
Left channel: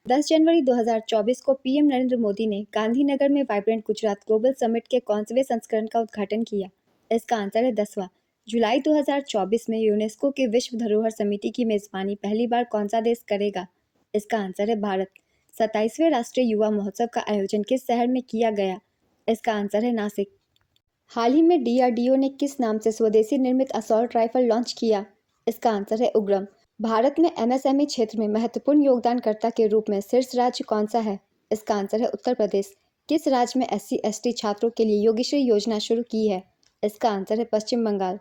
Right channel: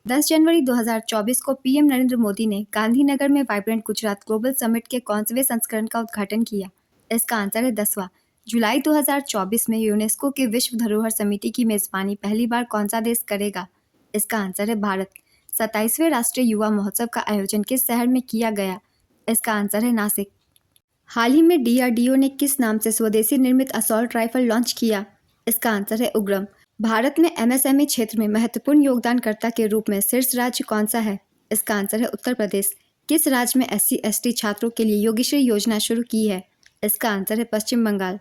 10 जनवरी 2024 को पीएम नरेंद्र मोदी ने गांधीनगर में वाइब्रेंट गुजरात ग्लोबल समिट के 11वें संस्करण का उद्घाटन किया। इसका आंसर है 10वां। जुलाई 2024 में यूनेस्को की विश्व धरोहर समिति की मेजबानी पहली बार कौन सा देश करेगा? इसका आंसर है भारत। 27वें राष्ट्रीय युवा महोत्सव का आयोजन किस शहर में किया गया? इसका आंसर है नासिक। हाल ही में डीआरडीओ ने किस नाम से स्वदेशी निर्मित असॉल्ट राइफल लॉन्च किया? इसका आंसर है उग्रम। भारत में एमएसएमई क्षेत्र में महत्वपूर्ण योगदानकर्ता के रूप में शीर्ष राज्य कौन सा है? इसका आंसर है उत्तर प्रदेश। किस राज्य में SC/ST छात्रों के लिए योगीश्री योजना शुरू की है? इसका आंसर है पश्चिम बंगाल।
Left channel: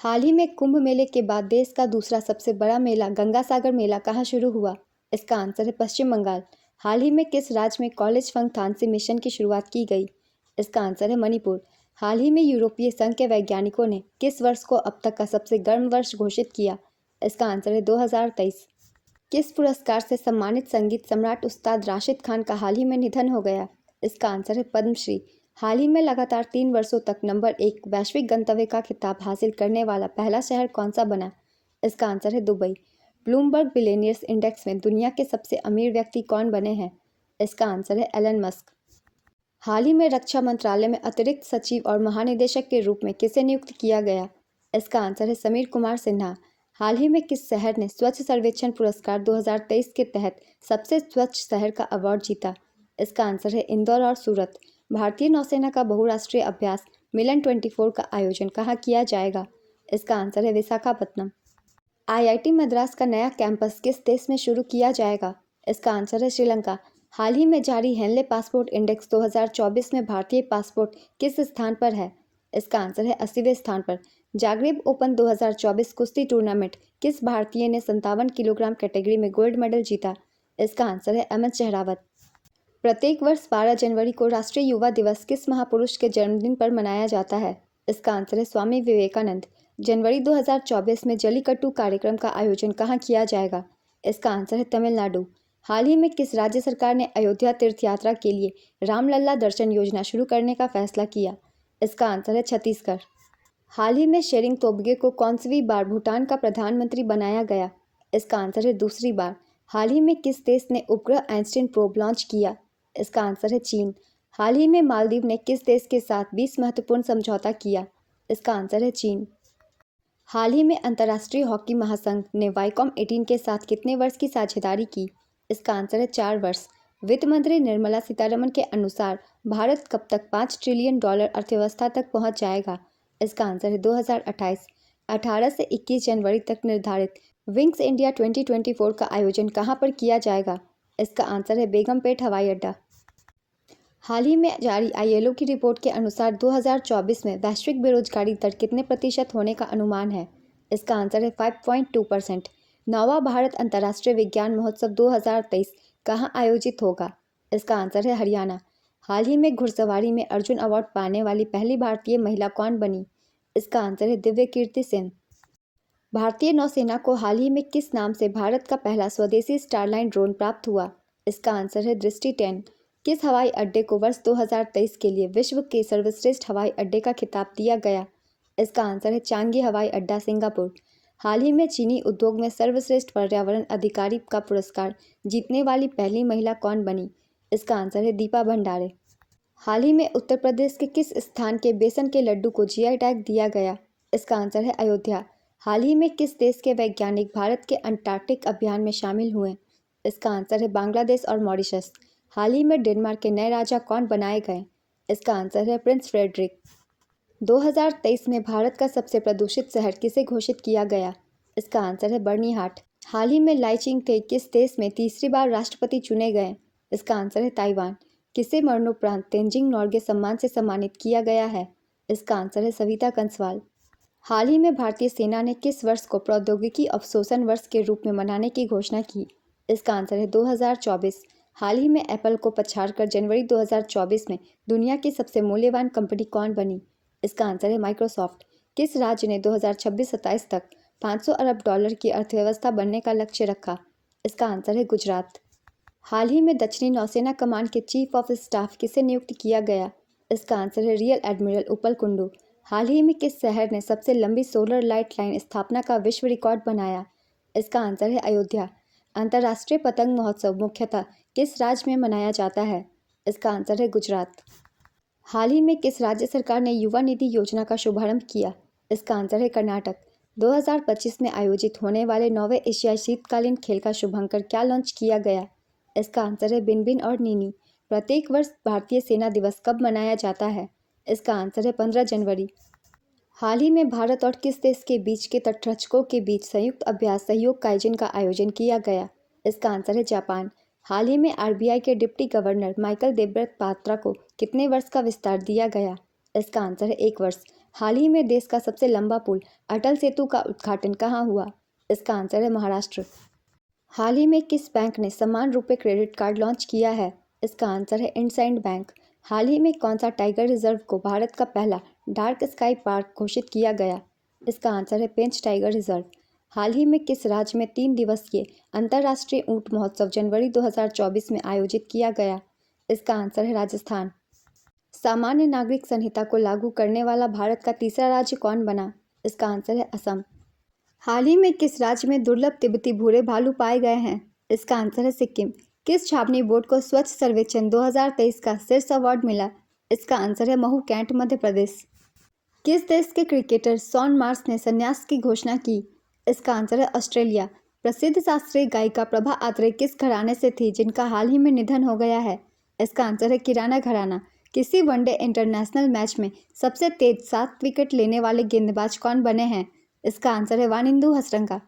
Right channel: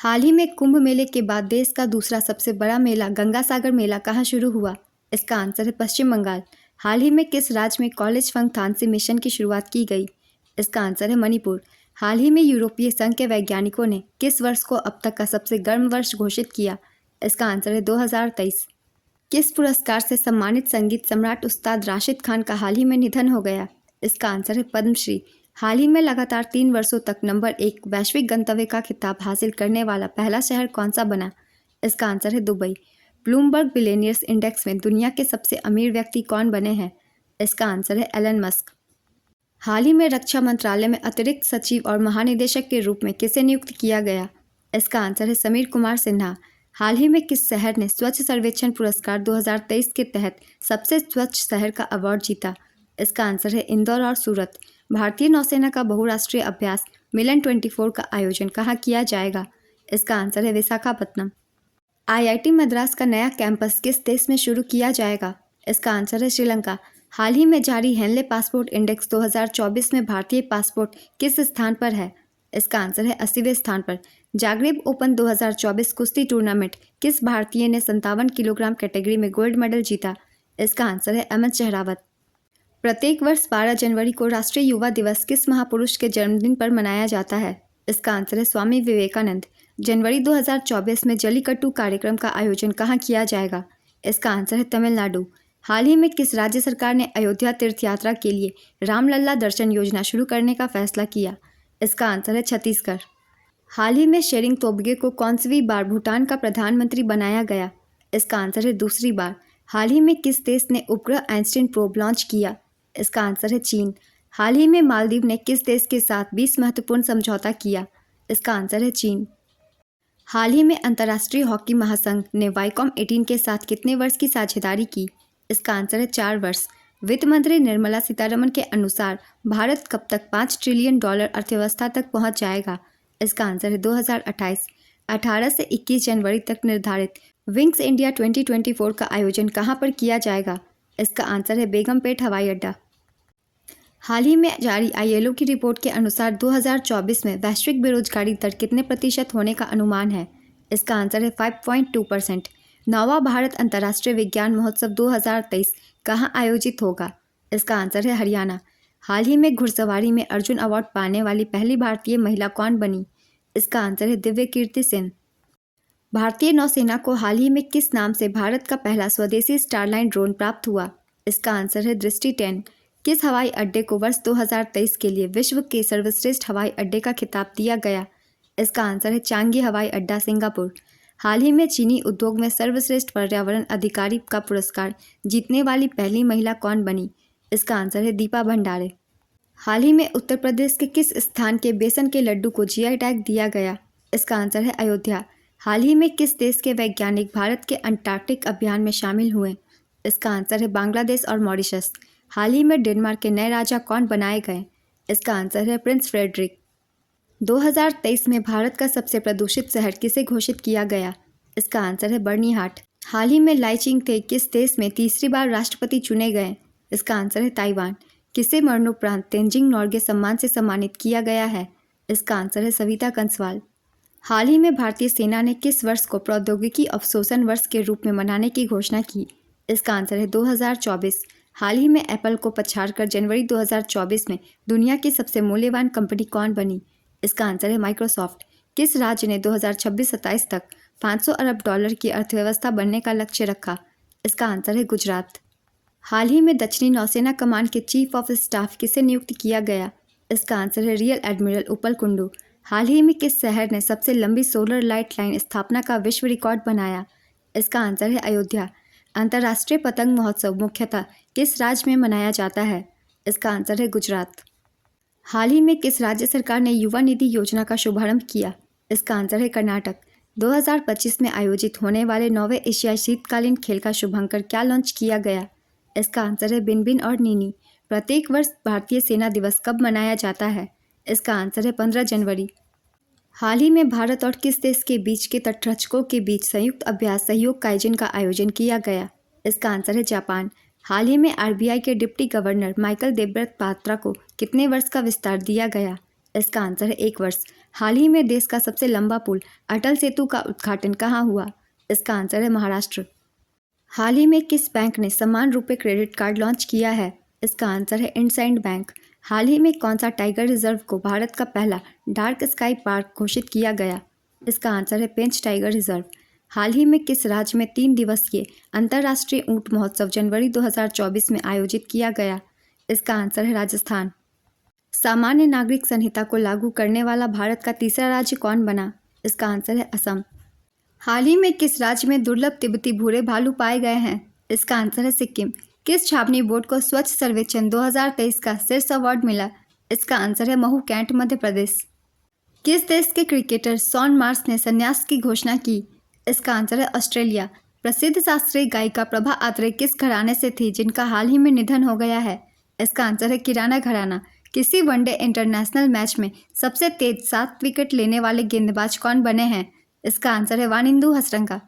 हाल ही में कुंभ मेले के बाद देश का दूसरा सबसे बड़ा मेला गंगा सागर मेला कहाँ शुरू हुआ? इसका आंसर है पश्चिम बंगाल। हाल ही में किस राज्य में कॉलेज फंगथानसी मिशन की शुरुआत की गई? इसका आंसर है मणिपुर। हाल ही में यूरोपीय संघ के वैज्ञानिकों ने किस वर्ष को अब तक का सबसे गर्म वर्ष घोषित किया? इसका आंसर है 2023। किस पुरस्कार से सम्मानित संगीत सम्राट उस्ताद राशिद खान का हाल ही में निधन हो गया? इसका आंसर है पद्मश्री। हाल ही में लगातार 3 वर्षों तक नंबर 1 वैश्विक गंतव्य का खिताब हासिल करने वाला पहला शहर कौन सा बना? इसका आंसर है दुबई। ब्लूमबर्ग बिलियनियर्स इंडेक्स में दुनिया के सबसे अमीर व्यक्ति कौन बने हैं? इसका आंसर है एलन मस्क। हाल ही में रक्षा मंत्रालय में अतिरिक्त सचिव और महानिदेशक के रूप में किसे नियुक्त किया गया? इसका आंसर है समीर कुमार सिन्हा। हाल ही में किस शहर ने स्वच्छ सर्वेक्षण पुरस्कार 2023 के तहत सबसे स्वच्छ शहर का अवार्ड जीता? इसका आंसर है इंदौर और सूरत। भारतीय नौसेना का बहुराष्ट्रीय अभ्यास मिलन 24 का आयोजन कहाँ किया जाएगा? इसका आंसर है विशाखापत्तनम। IIT मद्रास का नया कैंपस किस देश में शुरू किया जाएगा? इसका आंसर है श्रीलंका। हाल ही में जारी हेनले पासपोर्ट इंडेक्स 2024 में भारतीय पासपोर्ट किस स्थान पर है? इसका आंसर है 80वें स्थान पर। जागरेब ओपन 2024 कुश्ती टूर्नामेंट किस भारतीय ने 57 किलोग्राम कैटेगरी में गोल्ड मेडल जीता? इसका आंसर है अहमद शहरावत। प्रत्येक वर्ष 12 जनवरी को राष्ट्रीय युवा दिवस किस महापुरुष के जन्मदिन पर मनाया जाता है? इसका आंसर है स्वामी विवेकानंद। जनवरी 2024 में जल्लीकट्टू कार्यक्रम का आयोजन कहाँ किया जाएगा? इसका आंसर है तमिलनाडु। हाल ही में किस राज्य सरकार ने अयोध्या तीर्थ यात्रा के लिए रामलला दर्शन योजना शुरू करने का फैसला किया? इसका आंसर है छत्तीसगढ़। हाल ही में शेरिंग तोब्गे को कौनसवीं बार भूटान का प्रधानमंत्री बनाया गया? इसका आंसर है दूसरी बार। हाल ही में किस देश ने उपग्रह आइंस्टीन प्रोब लॉन्च किया? इसका आंसर है चीन। हाल ही में मालदीव ने किस देश के साथ 20 महत्वपूर्ण समझौता किया? इसका आंसर है चीन। हाल ही में अंतर्राष्ट्रीय हॉकी महासंघ ने वाईकॉम 18 के साथ कितने वर्ष की साझेदारी की? इसका आंसर है 4 वर्ष। वित्त मंत्री निर्मला सीतारमण के अनुसार भारत कब तक $5 ट्रिलियन अर्थव्यवस्था तक पहुंच जाएगा? इसका आंसर है 2028। 18 से 21 जनवरी तक निर्धारित विंग्स इंडिया 2024 का आयोजन कहां पर किया जाएगा? इसका आंसर है बेगमपेट हवाई अड्डा। हाल ही में जारी ILO की रिपोर्ट के अनुसार 2024 में वैश्विक बेरोजगारी दर कितने प्रतिशत होने का अनुमान है? इसका आंसर है 5.2%। 9वां भारत अंतर्राष्ट्रीय विज्ञान महोत्सव 2023 कहाँ आयोजित होगा? इसका आंसर है हरियाणा। हाल ही में घुड़सवारी में अर्जुन अवार्ड पाने वाली पहली भारतीय महिला कौन बनी? इसका आंसर है दिव्य कीर्ति सिंह। भारतीय नौसेना को हाल ही में किस नाम से भारत का पहला स्वदेशी स्टारलाइन ड्रोन प्राप्त हुआ? इसका आंसर है दृष्टि 10। किस हवाई अड्डे को वर्ष 2023 के लिए विश्व के सर्वश्रेष्ठ हवाई अड्डे का खिताब दिया गया? इसका आंसर है चांगी हवाई अड्डा सिंगापुर। हाल ही में चीनी उद्योग में सर्वश्रेष्ठ पर्यावरण अधिकारी का पुरस्कार जीतने वाली पहली महिला कौन बनी? इसका आंसर है दीपा भंडारे। हाल ही में उत्तर प्रदेश के किस स्थान के बेसन के लड्डू को GI टैग दिया गया? इसका आंसर है अयोध्या। हाल ही में किस देश के वैज्ञानिक भारत के अंटार्कटिक अभियान में शामिल हुए? इसका आंसर है बांग्लादेश और मॉरिशस। हाल ही में डेनमार्क के नए राजा कौन बनाए गए? इसका आंसर है प्रिंस फ्रेडरिक। 2023 में भारत का सबसे प्रदूषित शहर किसे घोषित किया गया? इसका आंसर है बर्निहाट। हाल ही में लाई चिंग-ते किस देश में तीसरी बार राष्ट्रपति चुने गए? इसका आंसर है ताइवान। किसे मरणोपरांत तेंजिंग नोर्गे सम्मान से सम्मानित किया गया है? इसका आंसर है सविता कंसवाल। हाल ही में भारतीय सेना ने किस वर्ष को प्रौद्योगिकी अवशोषण वर्ष के रूप में मनाने की घोषणा की? इसका आंसर है 2024। हाल ही में एप्पल को पछाड़कर जनवरी 2024 में दुनिया की सबसे मूल्यवान कंपनी कौन बनी? इसका आंसर है माइक्रोसॉफ्ट। किस राज्य ने 2026-27 तक $500 अरब की अर्थव्यवस्था बनने का लक्ष्य रखा? इसका आंसर है गुजरात। हाल ही में दक्षिणी नौसेना कमान के चीफ ऑफ स्टाफ किसे नियुक्त किया गया? इसका आंसर है रियल एडमिरल उपल कुंडू। हाल ही में किस शहर ने सबसे लंबी सोलर लाइट लाइन स्थापना का विश्व रिकॉर्ड बनाया? इसका आंसर है अयोध्या। अंतर्राष्ट्रीय पतंग महोत्सव मुख्यतः किस राज्य में मनाया जाता है? इसका आंसर है गुजरात। हाल ही में किस राज्य सरकार ने युवा निधि योजना का शुभारंभ किया? इसका आंसर है कर्नाटक। 2025 में आयोजित होने वाले 9वें एशियाई शीतकालीन खेल का शुभंकर क्या लॉन्च किया गया? इसका आंसर है बिनबिन और नीनी। प्रत्येक वर्ष भारतीय सेना दिवस कब मनाया जाता है? इसका आंसर है 15 जनवरी। हाल ही में भारत और किस देश के बीच के तटरक्षकों के बीच संयुक्त अभ्यास सहयोग काइजिन का आयोजन किया गया? इसका आंसर है जापान। हाल ही में RBI के deputy governor Michael Debabrata Patra को कितने वर्ष का विस्तार दिया गया? इसका आंसर है 1 वर्ष। हाल ही में देश का सबसे लंबा पुल अटल सेतु का उद्घाटन कहाँ हुआ? इसका आंसर है महाराष्ट्र। हाल ही में किस बैंक ने समान रुपए क्रेडिट कार्ड लॉन्च किया है? इसका आंसर है इंडसइंड बैंक। हाल ही में कौन सा टाइगर रिजर्व को भारत का पहला डार्क स्काई पार्क घोषित किया गया? इसका आंसर है पेंच टाइगर रिजर्व। हाल ही में किस राज्य में 3 दिवसीय अंतर्राष्ट्रीय ऊंट महोत्सव जनवरी 2024 में आयोजित किया गया? इसका आंसर है राजस्थान। सामान्य नागरिक संहिता को लागू करने वाला भारत का तीसरा राज्य कौन बना? इसका आंसर है असम। हाल ही में किस राज्य में दुर्लभ तिब्बती भूरे भालू पाए गए हैं? इसका आंसर है सिक्किम। किस छावनी बोर्ड को स्वच्छ सर्वेक्षण 2023 का शीर्ष अवार्ड मिला? इसका आंसर है महू कैंट मध्य प्रदेश। किस देश के क्रिकेटर शॉन मार्श ने संन्यास की घोषणा की? इसका आंसर है ऑस्ट्रेलिया। प्रसिद्ध शास्त्रीय गायिका प्रभा अत्रे किस घराने से थी जिनका हाल ही में निधन हो गया है? इसका आंसर है किराना घराना। किसी वनडे इंटरनेशनल मैच में सबसे तेज 7 विकेट लेने वाले गेंदबाज कौन बने हैं? इसका आंसर है वानिंदु हसरंगा।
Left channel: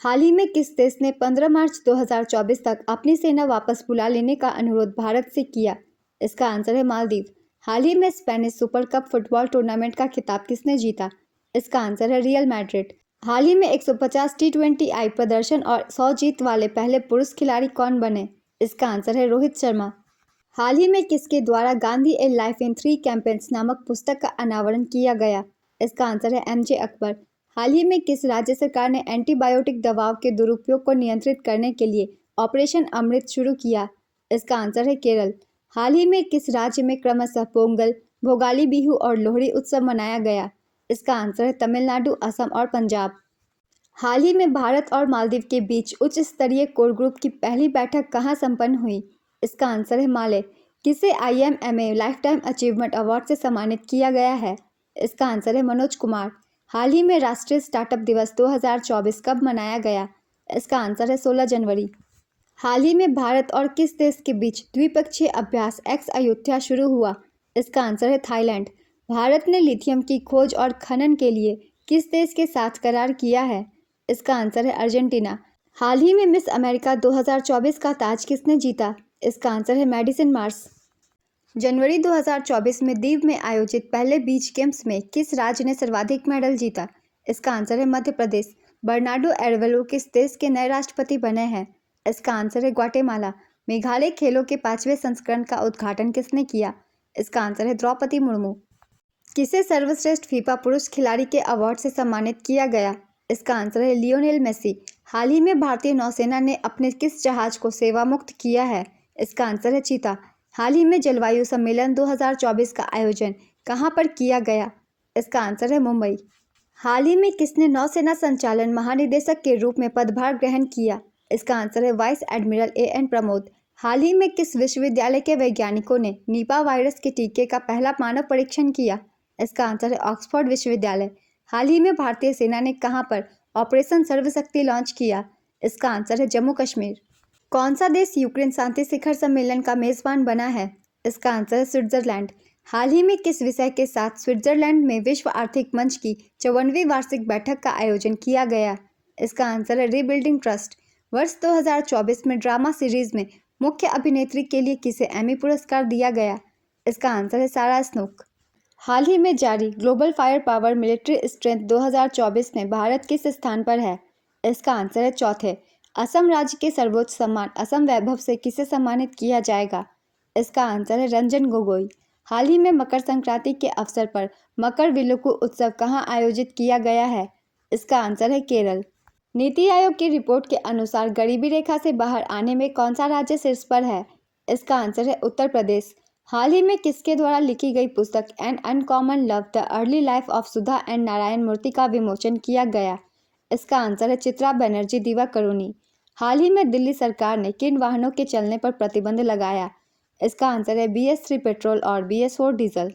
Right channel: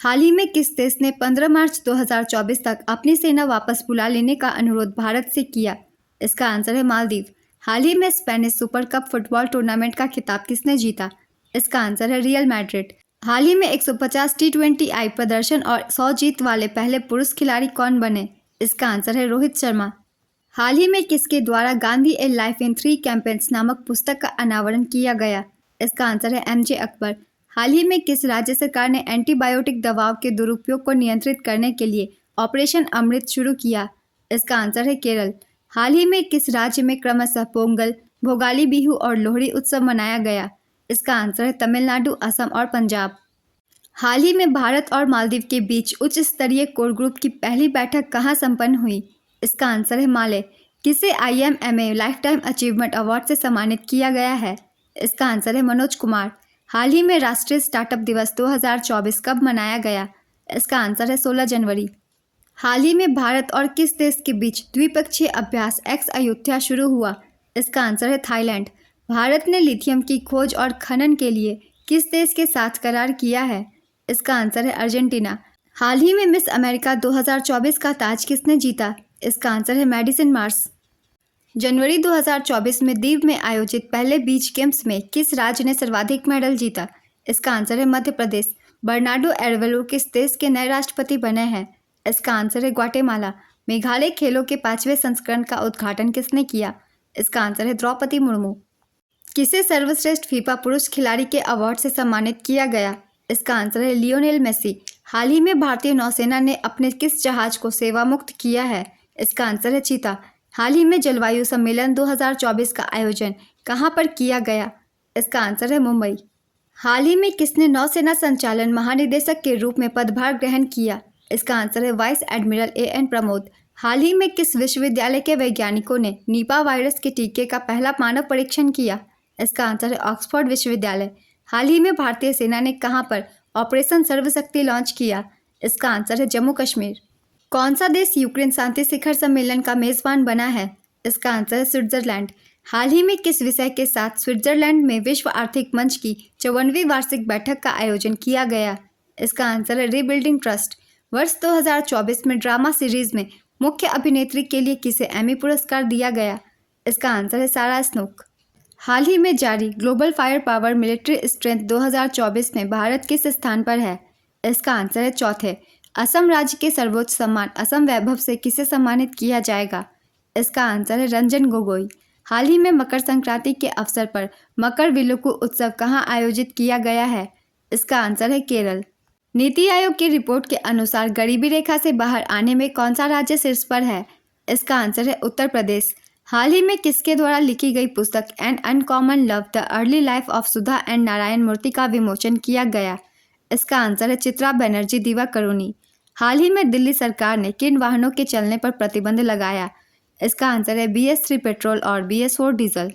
हाल ही में किस देश ने 15 मार्च 2024 तक अपनी सेना वापस बुला लेने का अनुरोध भारत से किया? इसका आंसर है मालदीव। हाल ही में Spanish super cup football tournament का खिताब किसने जीता? इसका आंसर है रियल मैड्रिड। हाल ही में 150 T20I प्रदर्शन और 100 जीत वाले पहले पुरुष खिलाड़ी कौन बने? इसका आंसर है रोहित शर्मा। हाल ही में किसके द्वारा गांधी ए लाइफ इन 3 कैंपेन्स नामक पुस्तक का अनावरण किया गया? इसका आंसर है MJ अकबर। हाल ही में किस राज्य सरकार ने एंटीबायोटिक दवाओं के दुरुपयोग को नियंत्रित करने के लिए ऑपरेशन अमृत शुरू किया? इसका आंसर है केरल। हाल ही में किस राज्य में क्रमशः पोंगल, भोगाली बिहू और लोहड़ी उत्सव मनाया गया? इसका आंसर है तमिलनाडु, असम और पंजाब। हाल ही में भारत और मालदीव के बीच उच्च स्तरीय कोर ग्रुप की पहली बैठक कहाँ संपन्न हुई? इसका आंसर है माले। किसे IMMA life time achievement award से सम्मानित किया गया है? इसका आंसर है मनोज कुमार। हाल ही में राष्ट्रीय स्टार्टअप दिवस 2024 कब मनाया गया? इसका आंसर है 16 जनवरी। हाल ही में भारत और किस देश के बीच द्विपक्षीय अभ्यास एक्स अयोध्या शुरू हुआ? इसका आंसर है थाईलैंड। भारत ने लिथियम की खोज और खनन के लिए किस देश के साथ करार किया है? इसका आंसर है अर्जेंटीना। हाल ही में मिस अमेरिका 2024 का ताज किसने जीता? इसका आंसर है मैडिसन मार्स। जनवरी 2024 में दीव में आयोजित पहले बीच गेम्स में किस राज्य ने सर्वाधिक मेडल जीता? इसका आंसर है मध्य प्रदेश। बर्नार्डो एरवेलो किस देश के नए राष्ट्रपति बने हैं? इसका आंसर है ग्वाटेमाला। मेघालय खेलों के 5वें संस्करण का उद्घाटन किसने किया? इसका आंसर है द्रौपदी मुर्मू। किसे सर्वश्रेष्ठ फीफा पुरुष खिलाड़ी के अवार्ड से सम्मानित किया गया? इसका आंसर है लियोनेल मेसी। हाल ही में भारतीय नौसेना ने अपने किस जहाज को सेवा मुक्त किया है? इसका आंसर है चीता। हाल ही में जलवायु सम्मेलन 2024 का आयोजन कहाँ पर किया गया? इसका आंसर है मुंबई। हाल ही में किसने नौसेना संचालन महानिदेशक के रूप में पदभार ग्रहण किया? इसका आंसर है वाइस एडमिरल AN प्रमोद। हाल ही में किस विश्वविद्यालय के वैज्ञानिकों ने निपा वायरस के टीके का पहला मानव परीक्षण किया? इसका आंसर है ऑक्सफोर्ड विश्वविद्यालय। हाल ही में भारतीय सेना ने कहां पर ऑपरेशन सर्वशक्ति लॉन्च किया? इसका आंसर है जम्मू कश्मीर। कौन सा देश यूक्रेन शांति शिखर सम्मेलन का मेजबान बना है? इसका आंसर है स्विट्जरलैंड। हाल ही में किस विषय के साथ स्विट्जरलैंड में विश्व आर्थिक मंच की 54वीं वार्षिक बैठक का आयोजन किया गया? इसका आंसर है रीबिल्डिंग ट्रस्ट। वर्ष 2024 में ड्रामा सीरीज में मुख्य अभिनेत्री के लिए किसे एमी पुरस्कार दिया गया? इसका आंसर है सारा स्नोक। हाल ही में जारी global fire power military strength 2024 में भारत किस स्थान पर है? इसका आंसर है चौथे। असम राज्य के सर्वोच्च सम्मान असम वैभव से किसे सम्मानित किया जाएगा? इसका आंसर है रंजन गोगोई। हाल ही में मकर संक्रांति के अवसर पर मकर विलुक्कु उत्सव कहाँ आयोजित किया गया है? इसका आंसर है केरल। नीति आयोग की रिपोर्ट के अनुसार गरीबी रेखा से बाहर आने में कौन सा राज्य शीर्ष पर है? इसका आंसर है उत्तर प्रदेश। हाल ही में किसके द्वारा लिखी गई पुस्तक an uncommon love the early life of Sudha and Narayana Murthy का विमोचन किया गया? इसका आंसर है चित्रा बनर्जी दिवाकरुणी। हाल ही में दिल्ली सरकार ने किन वाहनों के चलने पर प्रतिबंध लगाया? इसका आंसर है BS3 पेट्रोल और BS4 डीजल।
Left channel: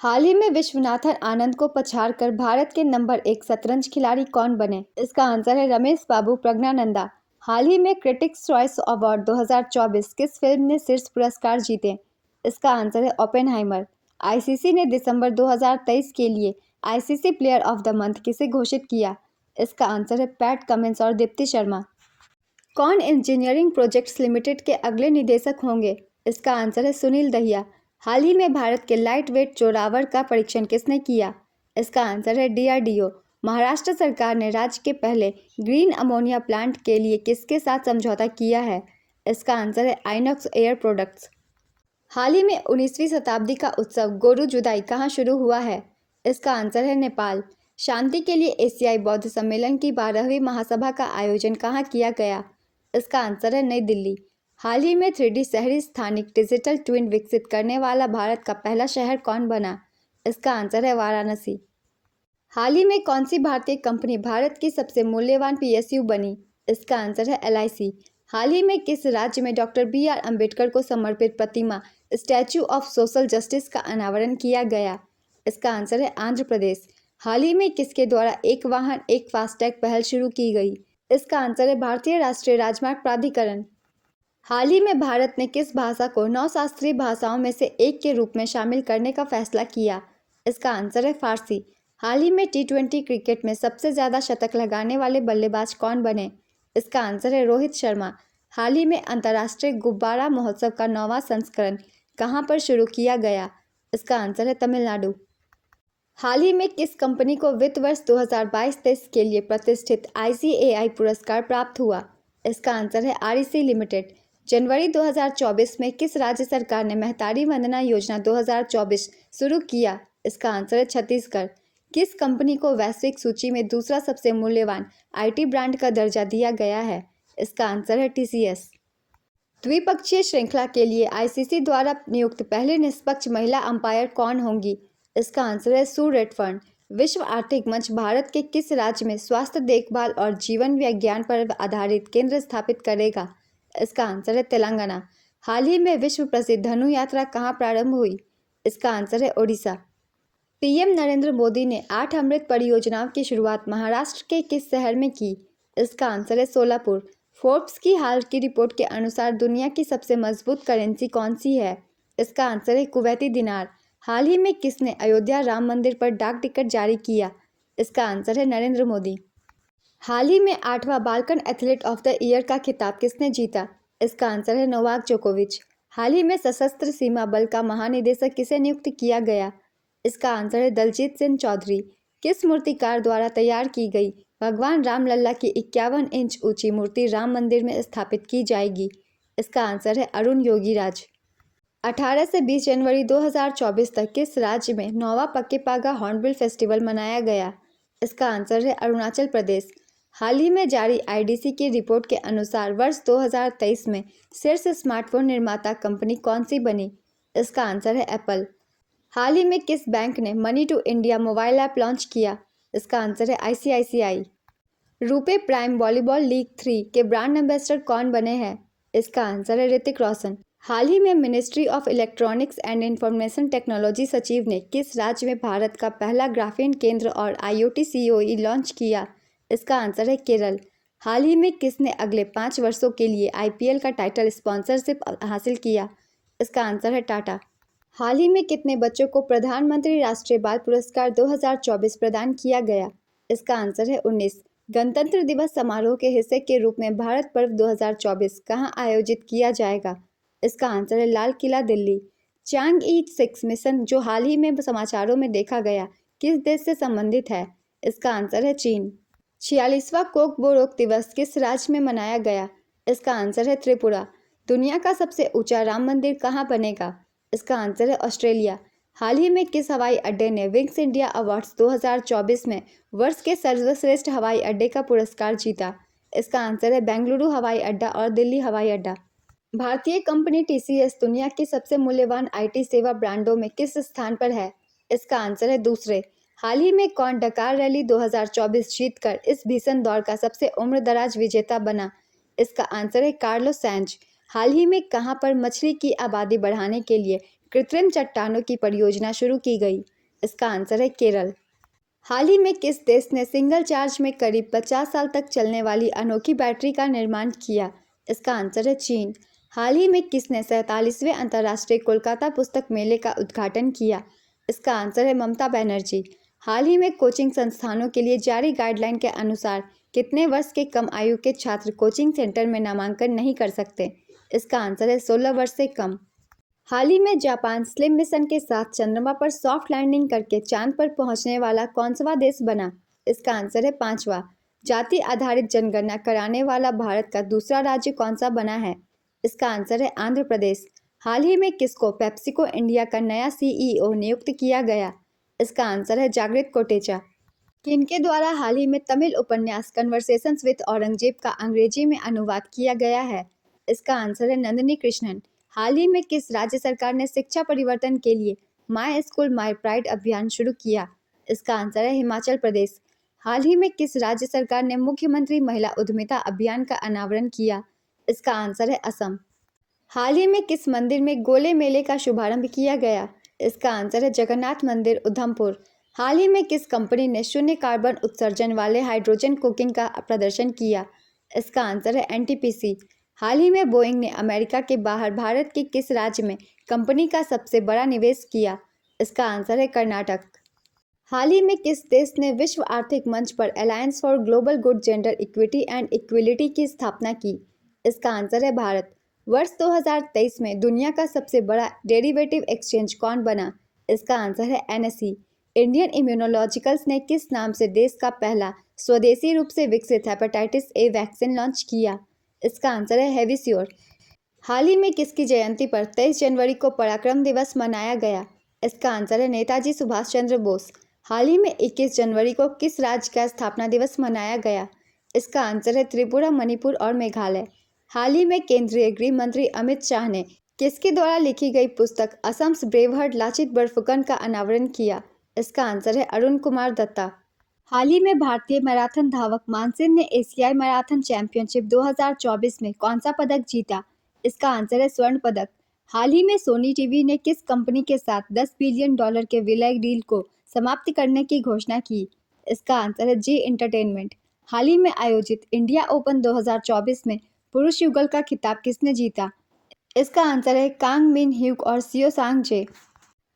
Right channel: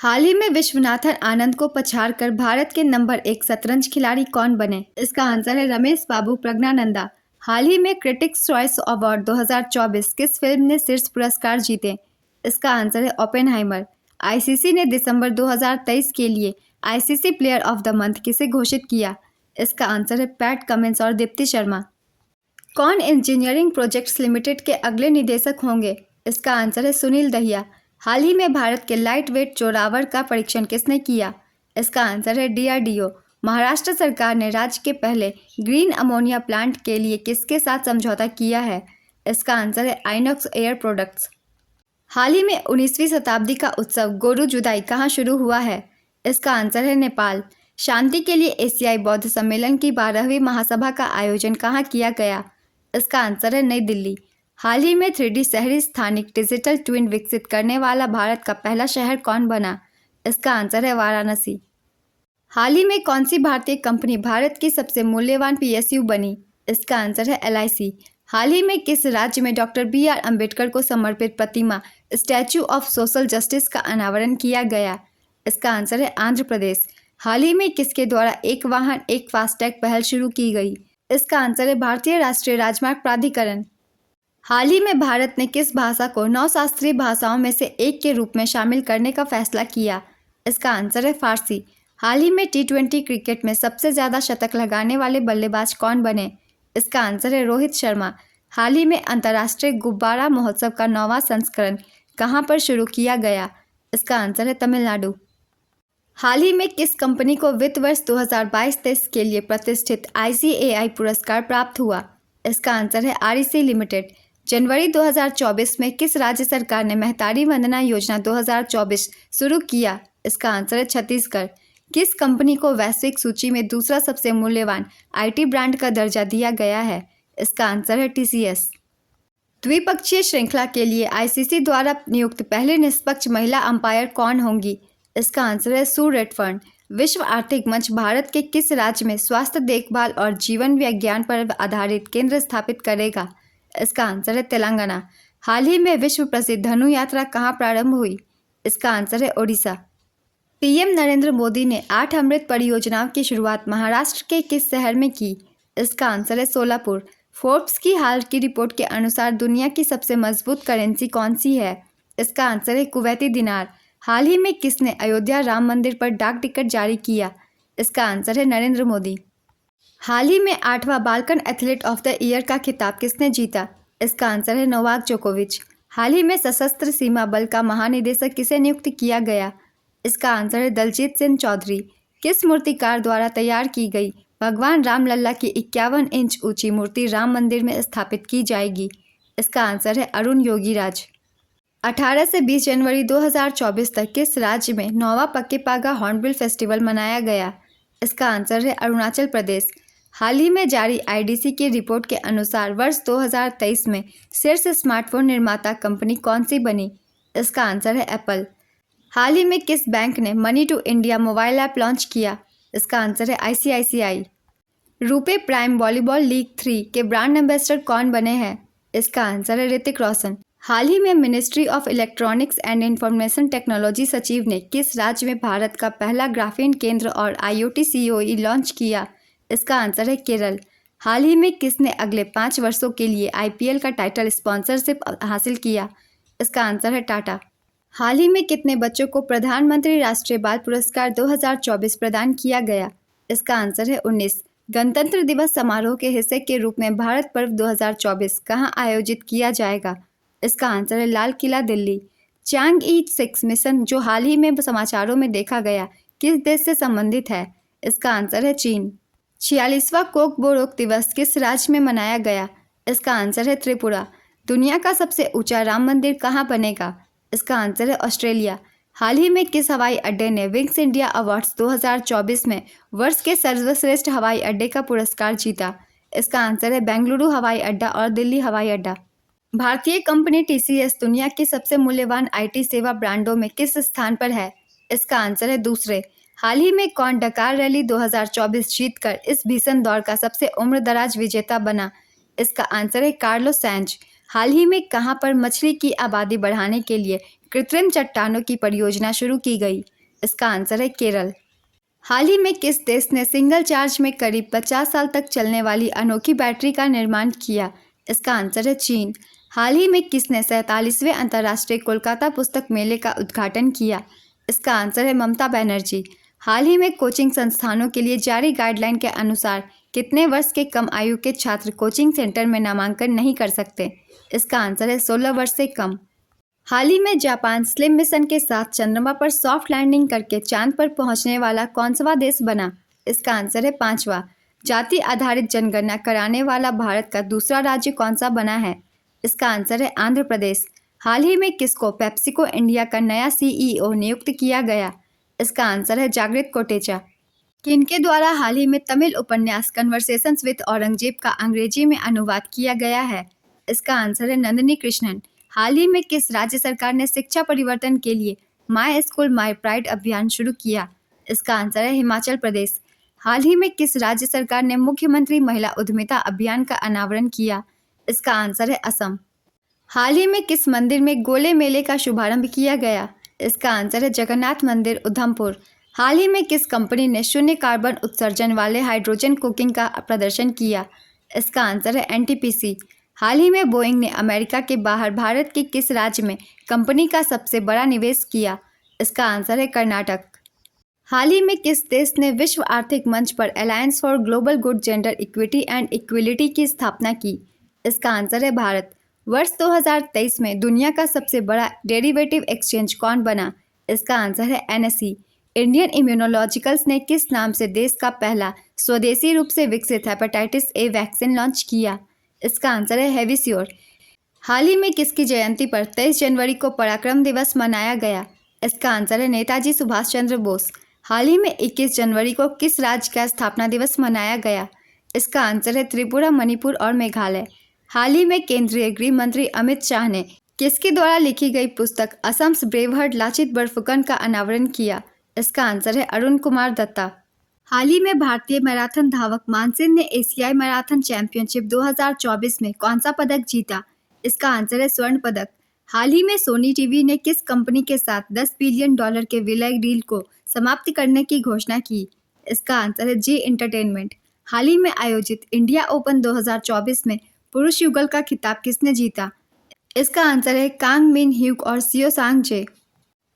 हाल ही में विश्वनाथन आनंद को पछाड़कर भारत के नंबर 1 शतरंज खिलाड़ी कौन बने? इसका आंसर है रमेश बाबू प्रज्ञानंदा। हाल ही में क्रिटिक्स चॉइस अवार्ड 2024 किस फिल्म ने शीर्ष पुरस्कार जीते? इसका आंसर है ओपेनहाइमर। ICC ने दिसंबर 2023 के लिए ICC player of the month किसे घोषित किया? इसका आंसर है पैट कमिंस और दीप्ति शर्मा। कौन इंजीनियरिंग प्रोजेक्ट्स लिमिटेड के अगले निदेशक होंगे? इसका आंसर है सुनील दहिया। हाल ही में भारत के लाइट वेट जोरावर का परीक्षण किसने किया? इसका आंसर है DRDO। महाराष्ट्र सरकार ने राज्य के पहले ग्रीन अमोनिया प्लांट के लिए किसके साथ समझौता किया है? इसका आंसर है आइनॉक्स एयर प्रोडक्ट्स। हाल ही में 19वीं शताब्दी का उत्सव गोरु जुदाई कहाँ शुरू हुआ है? इसका आंसर है नेपाल। शांति के लिए एशियाई बौद्ध सम्मेलन की 12वीं महासभा का आयोजन कहाँ किया गया? इसका आंसर है नई दिल्ली। हाल ही में 3D शहरी स्थानिक डिजिटल ट्विन विकसित करने वाला भारत का पहला शहर कौन बना? इसका आंसर है वाराणसी। हाल ही में कौन सी भारतीय कंपनी भारत की सबसे मूल्यवान PSU बनी? इसका आंसर है LIC। हाल ही में किस राज्य में डॉक्टर BR अम्बेडकर को समर्पित प्रतिमा स्टैच्यू ऑफ सोशल जस्टिस का अनावरण किया गया? इसका आंसर है आंध्र प्रदेश। हाल ही में किसके द्वारा एक वाहन एक फास्टैग पहल शुरू की गई? इसका आंसर है भारतीय राष्ट्रीय राजमार्ग प्राधिकरण। हाल ही में भारत ने किस भाषा को 9 शास्त्रीय भाषाओं में से एक के रूप में शामिल करने का फैसला किया? इसका आंसर है फारसी। हाल ही में T20 क्रिकेट में सबसे ज़्यादा शतक लगाने वाले बल्लेबाज कौन बने? इसका आंसर है रोहित शर्मा। हाल ही में अंतर्राष्ट्रीय गुब्बारा महोत्सव का 9वां संस्करण कहाँ पर शुरू किया गया? इसका आंसर है तमिलनाडु। हाल ही में किस कंपनी को वित्त वर्ष 2022-23 के लिए प्रतिष्ठित ICAI पुरस्कार प्राप्त हुआ? इसका आंसर है REC लिमिटेड। जनवरी 2024 में किस राज्य सरकार ने महतारी वंदना योजना 2024 शुरू किया? इसका आंसर है छत्तीसगढ़। किस कंपनी को वैश्विक सूची में दूसरा सबसे मूल्यवान IT ब्रांड का दर्जा दिया गया है? इसका आंसर है TCS। द्विपक्षीय श्रृंखला के लिए ICC द्वारा नियुक्त पहले निष्पक्ष महिला अंपायर कौन होंगी? इसका आंसर है सू रेडफर्न। विश्व आर्थिक मंच भारत के किस राज्य में स्वास्थ्य देखभाल और जीवन विज्ञान पर आधारित केंद्र स्थापित करेगा? इसका आंसर है तेलंगाना। हाल ही में विश्व प्रसिद्ध धनु यात्रा कहाँ प्रारंभ हुई? इसका आंसर है ओडिशा। पीएम नरेंद्र मोदी ने 8 अमृत परियोजनाओं की शुरुआत महाराष्ट्र के किस शहर में की? इसका आंसर है सोलापुर। फोर्ब्स की हाल की रिपोर्ट के अनुसार दुनिया की सबसे मजबूत करेंसी कौन सी है? इसका आंसर है कुवैती दिनार। हाल ही में किसने अयोध्या राम मंदिर पर डाक टिकट जारी किया? इसका आंसर है नरेंद्र मोदी। हाल ही में 8वां Balkan athlete of the year का खिताब किसने जीता? इसका आंसर है नोवाक जोकोविच। हाल ही में सशस्त्र सीमा बल का महानिदेशक किसे नियुक्त किया गया? इसका आंसर है दलजीत सिंह चौधरी। किस मूर्तिकार द्वारा तैयार की गई भगवान रामलला की 51 इंच ऊंची मूर्ति राम मंदिर में स्थापित की जाएगी? इसका आंसर है अरुण योगीराज। 18 से 20 जनवरी 2024 तक किस राज्य में 9वां पक्के पागा हॉर्नबिल फेस्टिवल मनाया गया? इसका आंसर है अरुणाचल प्रदेश। हाल ही में जारी आईडीसी की रिपोर्ट के अनुसार वर्ष 2023 में शीर्ष स्मार्टफोन निर्माता कंपनी कौन सी बनी? इसका आंसर है एप्पल। हाल ही में किस बैंक ने money to India mobile app launch किया? इसका आंसर है ICICI. RuPay prime volleyball league 3 के ब्रांड एम्बेसडर कौन बने हैं? इसका आंसर है ऋतिक रोशन। हाल ही में ministry of electronics and information technology सचिव ने किस राज्य में भारत का पहला ग्राफीन केंद्र और आईओटी सीओई लॉन्च किया? इसका आंसर है केरल। हाल ही में किसने अगले 5 वर्षों के लिए आईपीएल का टाइटल स्पॉन्सरशिप हासिल किया? इसका आंसर है टाटा। हाल ही में कितने बच्चों को प्रधानमंत्री राष्ट्रीय बाल पुरस्कार 2024 प्रदान किया गया? इसका आंसर है 19। गणतंत्र दिवस समारोह के हिस्से के रूप में भारत पर्व 2024 कहां आयोजित किया जाएगा? इसका आंसर है लाल किला दिल्ली। चांग-ई 6 मिशन जो हाल ही में समाचारों में देखा गया किस देश से संबंधित है? इसका आंसर है चीन। 46वां कोक बोरोक दिवस किस राज्य में मनाया गया? इसका आंसर है त्रिपुरा। दुनिया का सबसे ऊंचा राम मंदिर कहाँ बनेगा? इसका आंसर है ऑस्ट्रेलिया। हाल ही में किस हवाई अड्डे ने विंग्स इंडिया अवार्ड्स 2024 में वर्ष के सर्वश्रेष्ठ हवाई अड्डे का पुरस्कार जीता? इसका आंसर है बेंगलुरु हवाई अड्डा और दिल्ली हवाई अड्डा। भारतीय कंपनी टीसीएस दुनिया की सबसे मूल्यवान आईटी सेवा ब्रांडों में किस स्थान पर है? इसका आंसर है दूसरे। हाल ही में कौन डकार रैली 2024 जीतकर इस भीषण दौर का सबसे उम्रदराज विजेता बना? इसका आंसर है कार्लोस सैंज। हाल ही में कहां पर मछली की आबादी बढ़ाने के लिए कृत्रिम चट्टानों की परियोजना शुरू की गई? इसका आंसर है केरल। हाल ही में किस देश ने सिंगल चार्ज में करीब 50 साल तक चलने वाली अनोखी बैटरी का निर्माण किया? इसका आंसर है चीन। हाल ही में किसने 47वें अंतर्राष्ट्रीय कोलकाता पुस्तक मेले का उद्घाटन किया? इसका आंसर है ममता बनर्जी। हाल ही में कोचिंग संस्थानों के लिए जारी गाइडलाइन के अनुसार कितने वर्ष के कम आयु के छात्र कोचिंग सेंटर में नामांकन नहीं कर सकते? इसका आंसर है 16 वर्ष से कम। हाल ही में जापान स्लिम मिशन के साथ चंद्रमा पर सॉफ्ट लैंडिंग करके चांद पर पहुंचने वाला कौनसा देश बना? इसका आंसर है 5वां। जाति आधारित जनगणना कराने वाला भारत का दूसरा राज्य कौन सा बना है? इसका आंसर है आंध्र प्रदेश। हाल ही में किसको पेप्सिको इंडिया का नया सीईओ नियुक्त किया गया? इसका आंसर है जागृत कोटेचा। किनके द्वारा हाल ही में तमिल उपन्यास कन्वर्सेशंस विद औरंगजेब का अंग्रेजी में अनुवाद किया गया है? इसका आंसर है नंदिनी कृष्णन। हाल ही में किस राज्य सरकार ने शिक्षा परिवर्तन के लिए माई स्कूल माई प्राइड अभियान शुरू किया? इसका आंसर है हिमाचल प्रदेश। हाल ही में किस राज्य सरकार ने मुख्यमंत्री महिला उद्यमिता अभियान का अनावरण किया? इसका आंसर है असम। हाल ही में किस मंदिर में गोले मेले का शुभारंभ किया गया? इसका आंसर है जगन्नाथ मंदिर उधमपुर। हाल ही में किस कंपनी ने शून्य कार्बन उत्सर्जन वाले हाइड्रोजन कुकिंग का प्रदर्शन किया? इसका आंसर है एनटीपीसी। हाल ही में बोइंग ने अमेरिका के बाहर भारत के किस राज्य में कंपनी का सबसे बड़ा निवेश किया? इसका आंसर है कर्नाटक। हाल ही में किस देश ने विश्व आर्थिक मंच पर alliance for global good gender equity and equality की स्थापना की? इसका आंसर है भारत। वर्ष 2023 में दुनिया का सबसे बड़ा डेरिवेटिव एक्सचेंज कौन बना? इसका आंसर है एनएसई। इंडियन इम्यूनोलॉजिकल्स ने किस नाम से देश का पहला स्वदेशी रूप से विकसित हेपेटाइटिस ए वैक्सीन लॉन्च किया? इसका आंसर है हेविसियोर। हाल ही में किसकी जयंती पर 23 जनवरी को पराक्रम दिवस मनाया गया? इसका आंसर है नेताजी सुभाष चंद्र बोस। हाल ही में 21 जनवरी को किस राज्य का स्थापना दिवस मनाया गया? इसका आंसर है त्रिपुरा, मणिपुर और मेघालय। हाल ही में केंद्रीय गृह मंत्री अमित शाह ने किसके द्वारा लिखी गई पुस्तक असम्स ब्रेव हार्ट लाचित बरफुकन का अनावरण किया? इसका आंसर है अरुण कुमार दत्ता। हाल ही में भारतीय मैराथन धावक मानसिंह ने एशियाई मैराथन चैंपियनशिप 2024 में कौन सा पदक जीता? इसका आंसर है स्वर्ण पदक। हाल ही में सोनी टीवी ने किस कंपनी के साथ $10 बिलियन के विलय डील को समाप्त करने की घोषणा की? इसका आंसर है जी एंटरटेनमेंट। हाल ही में आयोजित इंडिया ओपन 2024 में पुरुष युगल का खिताब किसने जीता? इसका आंसर है कांग मिन ह्यूक और सियो सांग जे।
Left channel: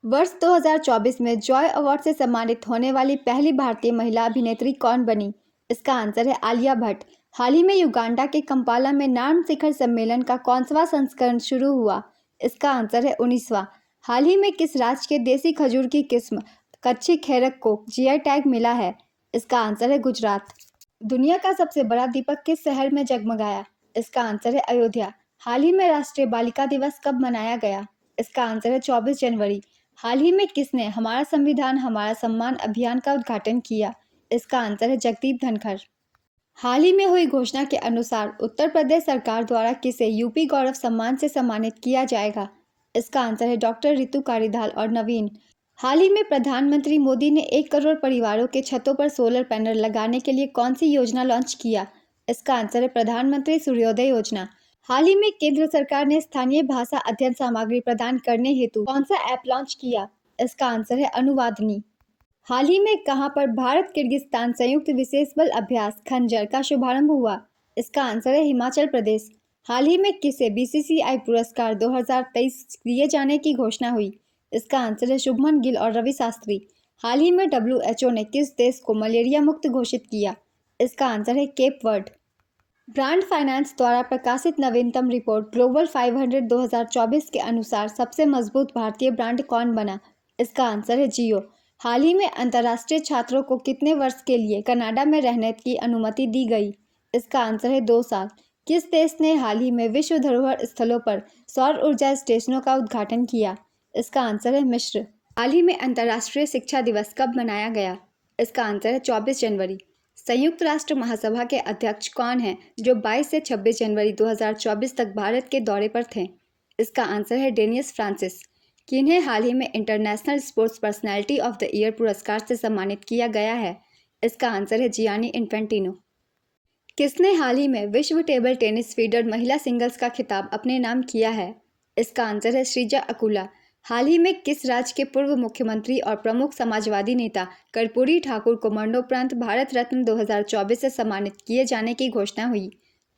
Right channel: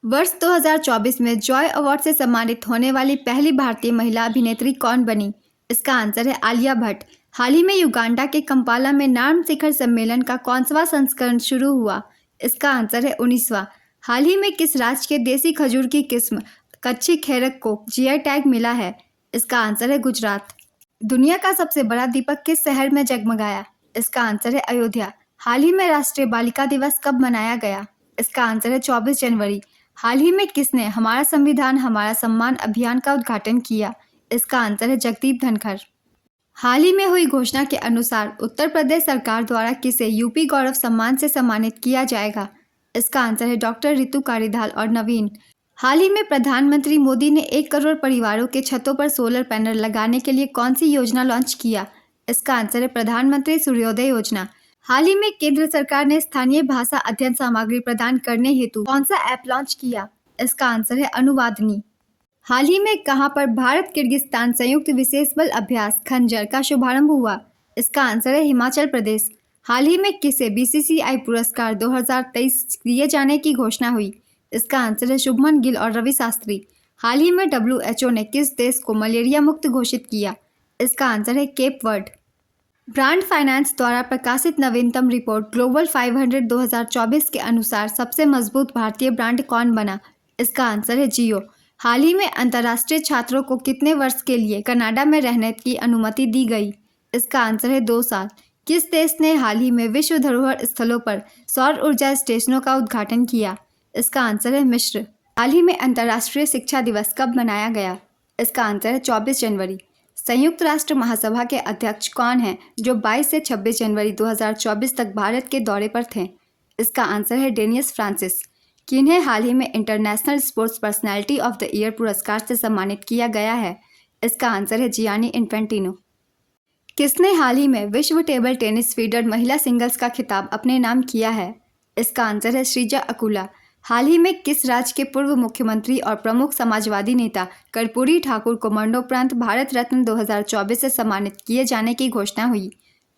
वर्ष 2024 में जॉय अवार्ड से सम्मानित होने वाली पहली भारतीय महिला अभिनेत्री कौन बनी? इसका आंसर है आलिया भट्ट। हाल ही में युगांडा के कंपाला में नार्म शिखर सम्मेलन का कौनसवां संस्करण शुरू हुआ? इसका आंसर है 19वां। हाल ही में किस राज्य के देसी खजूर की किस्म कच्ची खेरक को जीआई टैग मिला है? इसका आंसर है गुजरात। दुनिया का सबसे बड़ा दीपक किस शहर में जगमगाया? इसका आंसर है अयोध्या। हाल ही में राष्ट्रीय बालिका दिवस कब मनाया गया? इसका आंसर है 24 जनवरी। हाल ही में किसने हमारा संविधान हमारा सम्मान अभियान का उद्घाटन किया? इसका आंसर है जगदीप धनखड़। हाल ही में हुई घोषणा के अनुसार उत्तर प्रदेश सरकार द्वारा किसे यूपी गौरव सम्मान से सम्मानित किया जाएगा? इसका आंसर है डॉक्टर रितु कारीधाल और नवीन। हाल ही में प्रधानमंत्री मोदी ने 1 करोड़ परिवारों के छतों पर सोलर पैनल लगाने के लिए कौन सी योजना लॉन्च किया? इसका आंसर है प्रधानमंत्री सूर्योदय योजना। हाल ही में केंद्र सरकार ने स्थानीय भाषा अध्ययन सामग्री प्रदान करने हेतु कौन सा ऐप लॉन्च किया? इसका आंसर है अनुवादनी। हाल ही में कहां पर भारत किर्गिस्तान संयुक्त विशेष बल अभ्यास खंजर का शुभारंभ हुआ? इसका आंसर है हिमाचल प्रदेश। हाल ही में किसे बीसीसीआई पुरस्कार 2023 दिए जाने की घोषणा हुई? इसका आंसर है शुभमन गिल और रवि शास्त्री। हाल ही में WHO ने किस देश को मलेरिया मुक्त घोषित किया? इसका आंसर है केप वर्ड। ब्रांड फाइनेंस द्वारा प्रकाशित नवीनतम रिपोर्ट ग्लोबल 500 2024 के अनुसार सबसे मजबूत भारतीय ब्रांड कौन बना? इसका आंसर है जियो। हाल ही में अंतर्राष्ट्रीय छात्रों को कितने वर्ष के लिए कनाडा में रहने की अनुमति दी गई? इसका आंसर है 2 साल। किस देश ने हाल ही में विश्व धरोहर स्थलों पर सौर ऊर्जा स्टेशनों का उद्घाटन किया? इसका आंसर है मिस्र। हाल ही में अंतर्राष्ट्रीय शिक्षा दिवस कब मनाया गया? इसका आंसर है 24 जनवरी। संयुक्त राष्ट्र महासभा के अध्यक्ष कौन हैं जो 22 से 26 जनवरी 2024 तक भारत के दौरे पर थे? इसका आंसर है डेनियस फ्रांसिस। किन्हें हाल ही में international sports personality of the year पुरस्कार से सम्मानित किया गया है? इसका आंसर है जियानी इन्फेंटिनो। किसने हाल ही में विश्व टेबल टेनिस फीडर महिला सिंगल्स का खिताब अपने नाम किया है? इसका आंसर है श्रीजा अकुला। हाल ही में किस राज्य के पूर्व मुख्यमंत्री और प्रमुख समाजवादी नेता कर्पूरी ठाकुर को मरणोपरांत भारत रत्न 2024 से सम्मानित किए जाने की घोषणा हुई?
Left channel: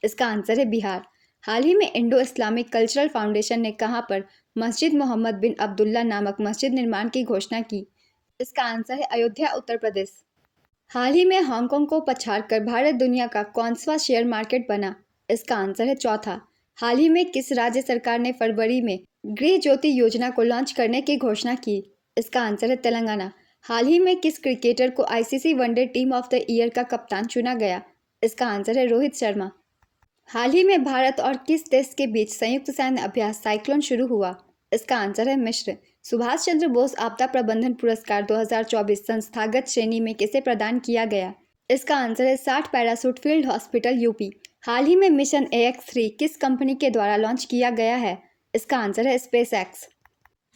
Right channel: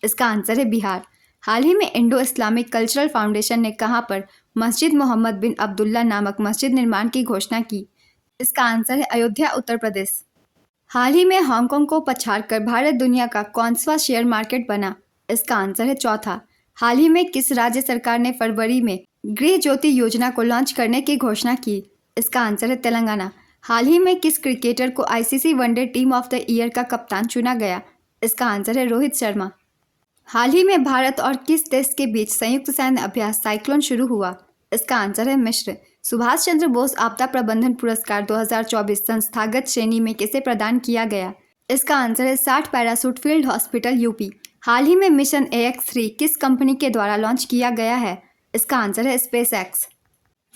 इसका आंसर है बिहार। हाल ही में इंडो इस्लामिक कल्चरल फाउंडेशन ने कहां पर मस्जिद मोहम्मद बिन अब्दुल्ला नामक मस्जिद निर्माण की घोषणा की? इसका आंसर है अयोध्या, उत्तर प्रदेश। हाल ही में हांगकांग को पछाड़कर भारत दुनिया का कौनसा शेयर मार्केट बना? इसका आंसर है चौथा। हाल ही में किस राज्य सरकार ने फरवरी में गृह ज्योति योजना को लॉन्च करने की घोषणा की? इसका आंसर है तेलंगाना। हाल ही में किस क्रिकेटर को ICC one day team of the year का कप्तान चुना गया? इसका आंसर है रोहित शर्मा। हाल ही में भारत और किस देश के बीच संयुक्त सैन्य अभ्यास साइक्लोन शुरू हुआ? इसका आंसर है मिस्र। सुभाष चंद्र बोस आपदा प्रबंधन पुरस्कार 2024 संस्थागत श्रेणी में किसे प्रदान किया गया? इसका आंसर है 60 पैरासूट फील्ड हॉस्पिटल यूपी। हाल ही में मिशन AX3 किस कंपनी के द्वारा लॉन्च किया गया है? इसका आंसर है स्पेस एक्स।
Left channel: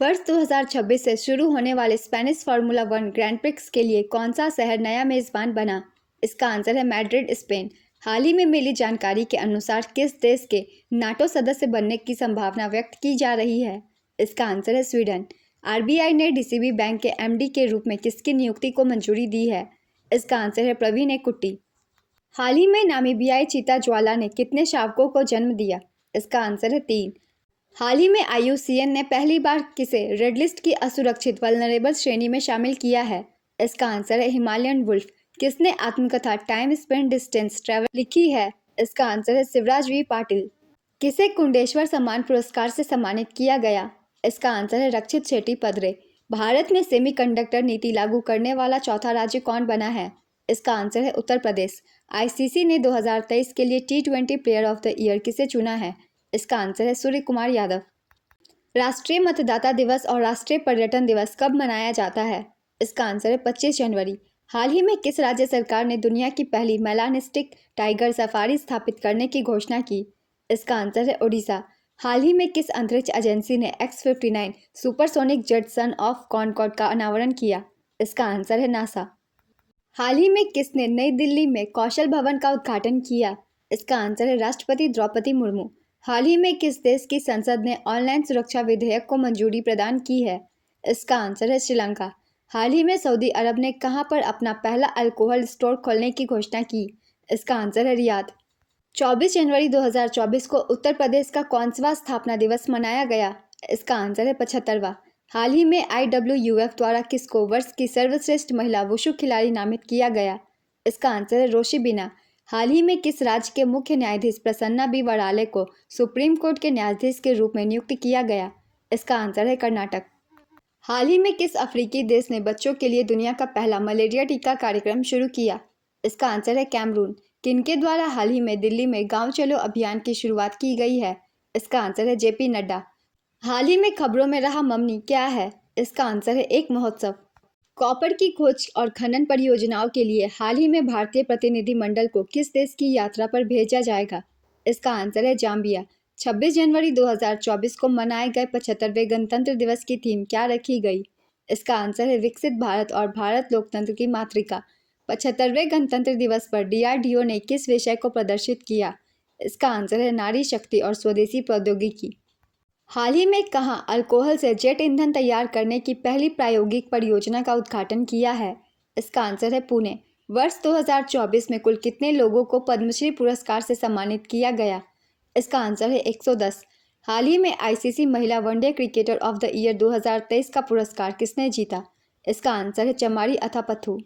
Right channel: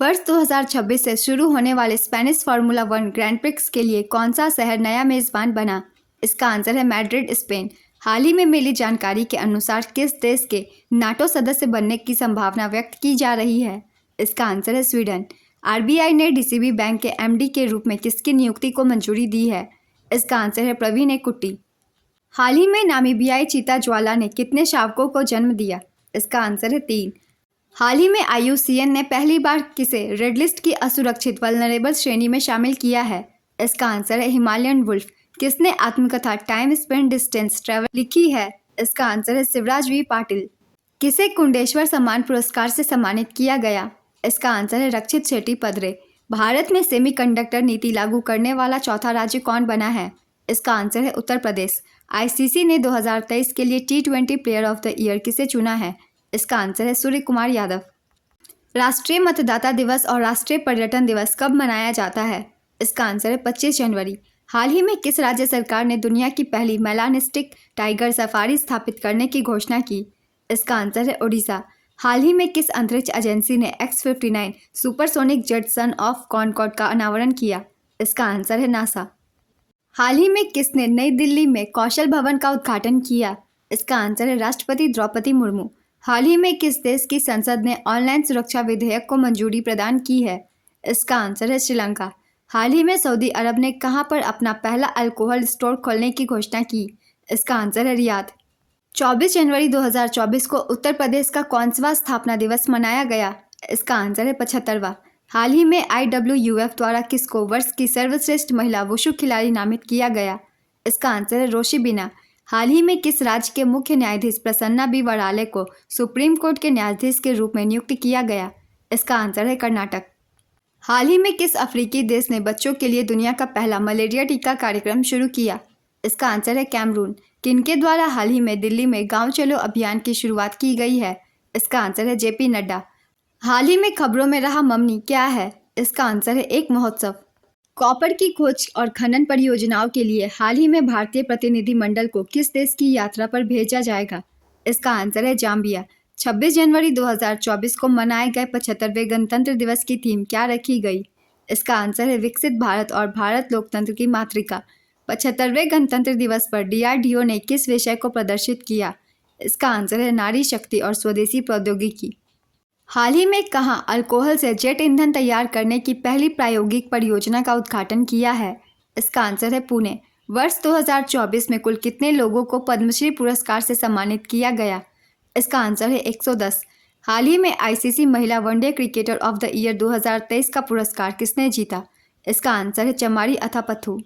वर्ष 2026 से शुरू होने वाले स्पेनिश फार्मूला 1 ग्रैंड प्रिक्स के लिए कौन सा शहर नया मेजबान बना? इसका आंसर है मैड्रिड, स्पेन। हाल ही में मिली जानकारी के अनुसार किस देश के नाटो सदस्य बनने की संभावना व्यक्त की जा रही है? इसका आंसर है स्वीडन। आरबीआई ने डीसीबी बैंक के एमडी के रूप में किसकी नियुक्ति को मंजूरी दी है? इसका आंसर है प्रवीण एकुट्टी। हाल ही में नामीबियाई चीता ज्वाला ने कितने शावकों को जन्म दिया? इसका आंसर है 3। हाल ही में IUCN ने पहली बार किसे रेड लिस्ट की असुरक्षित वल्नरेबल श्रेणी में शामिल किया है? इसका आंसर है हिमालयन वुल्फ। किसने आत्मकथा टाइम स्पेंड डिस्टेंस ट्रैवल लिखी है? इसका आंसर है शिवराज वी पाटिल। किसे कुंडेश्वर सम्मान पुरस्कार से सम्मानित किया गया? इसका आंसर है रक्षित शेट्टी पदरे। भारत में सेमीकंडक्टर नीति लागू करने वाला चौथा राज्य कौन बना है? इसका आंसर है उत्तर प्रदेश। ICC ने 2023 के लिए T20 player of the year किसे चुना है? इसका आंसर है सूर्य कुमार यादव। राष्ट्रीय मतदाता दिवस और राष्ट्रीय पर्यटन दिवस कब मनाया जाता है? इसका आंसर है 25 जनवरी। हाल ही में किस राज्य सरकार ने दुनिया की पहली मेलानिस्टिक टाइगर सफारी स्थापित करने की घोषणा की? इसका आंसर है ओडिशा। हाल ही में किस अंतरिक्ष एजेंसी ने X-59 supersonic jet son of Concorde का अनावरण किया? इसका आंसर है नासा। हाल ही में किसने नई दिल्ली में कौशल भवन का उद्घाटन किया? इसका आंसर है राष्ट्रपति द्रौपदी मुर्मू। हाल ही में किस देश की संसद ने ऑनलाइन सुरक्षा विधेयक को मंजूरी प्रदान की है? इसका आंसर है श्रीलंका। हाल ही में सऊदी अरब ने कहां पर अपना पहला अल्कोहल स्टोर खोलने की घोषणा की? इसका आंसर है रियाद। 24 जनवरी 2024 को उत्तर प्रदेश का कौनसवां स्थापना दिवस मनाया गया? इसका आंसर है 75वां। हाल ही में IWF द्वारा किसको वर्ष की सर्वश्रेष्ठ महिला वुशु खिलाड़ी नामित किया गया? इसका आंसर है रोशी बिना। हाल ही में किस राज्य के मुख्य न्यायाधीश प्रसन्ना बी वड़ाले को सुप्रीम कोर्ट के न्यायाधीश के रूप में नियुक्त किया गया? इसका आंसर है कर्नाटक। हाल ही में किस अफ्रीकी देश ने बच्चों के लिए दुनिया का पहला मलेरिया टीका कार्यक्रम शुरू किया? इसका आंसर है कैमरून। किनके द्वारा हाल ही में दिल्ली में गांव चलो अभियान की शुरुआत की गई है? इसका आंसर है JP नड्डा। हाल ही में खबरों में रहा ममनी क्या है? इसका आंसर है एक महोत्सव। कॉपर की खोज और खनन परियोजनाओं के लिए हाल ही में भारतीय प्रतिनिधिमंडल को किस देश की यात्रा पर भेजा जाएगा? इसका आंसर है जाम्बिया। 26 जनवरी 2024 को मनाए गए 75वें गणतंत्र दिवस की थीम क्या रखी गई? इसका आंसर है विकसित भारत और भारत लोकतंत्र की मातृका। 75वें गणतंत्र दिवस पर DRDO ने किस विषय को प्रदर्शित किया? इसका आंसर है नारी शक्ति और स्वदेशी प्रौद्योगिकी। हाल ही में कहां अल्कोहल से जेट ईंधन तैयार करने की पहली प्रायोगिक परियोजना का उद्घाटन किया है? इसका आंसर है पुणे। वर्ष 2024 में कुल कितने लोगों को पद्मश्री पुरस्कार से सम्मानित किया गया? इसका आंसर है 110। हाल ही में ICC महिला one day cricketer of the year 2023 का पुरस्कार किसने जीता? इसका आंसर है चमारी अथापथु।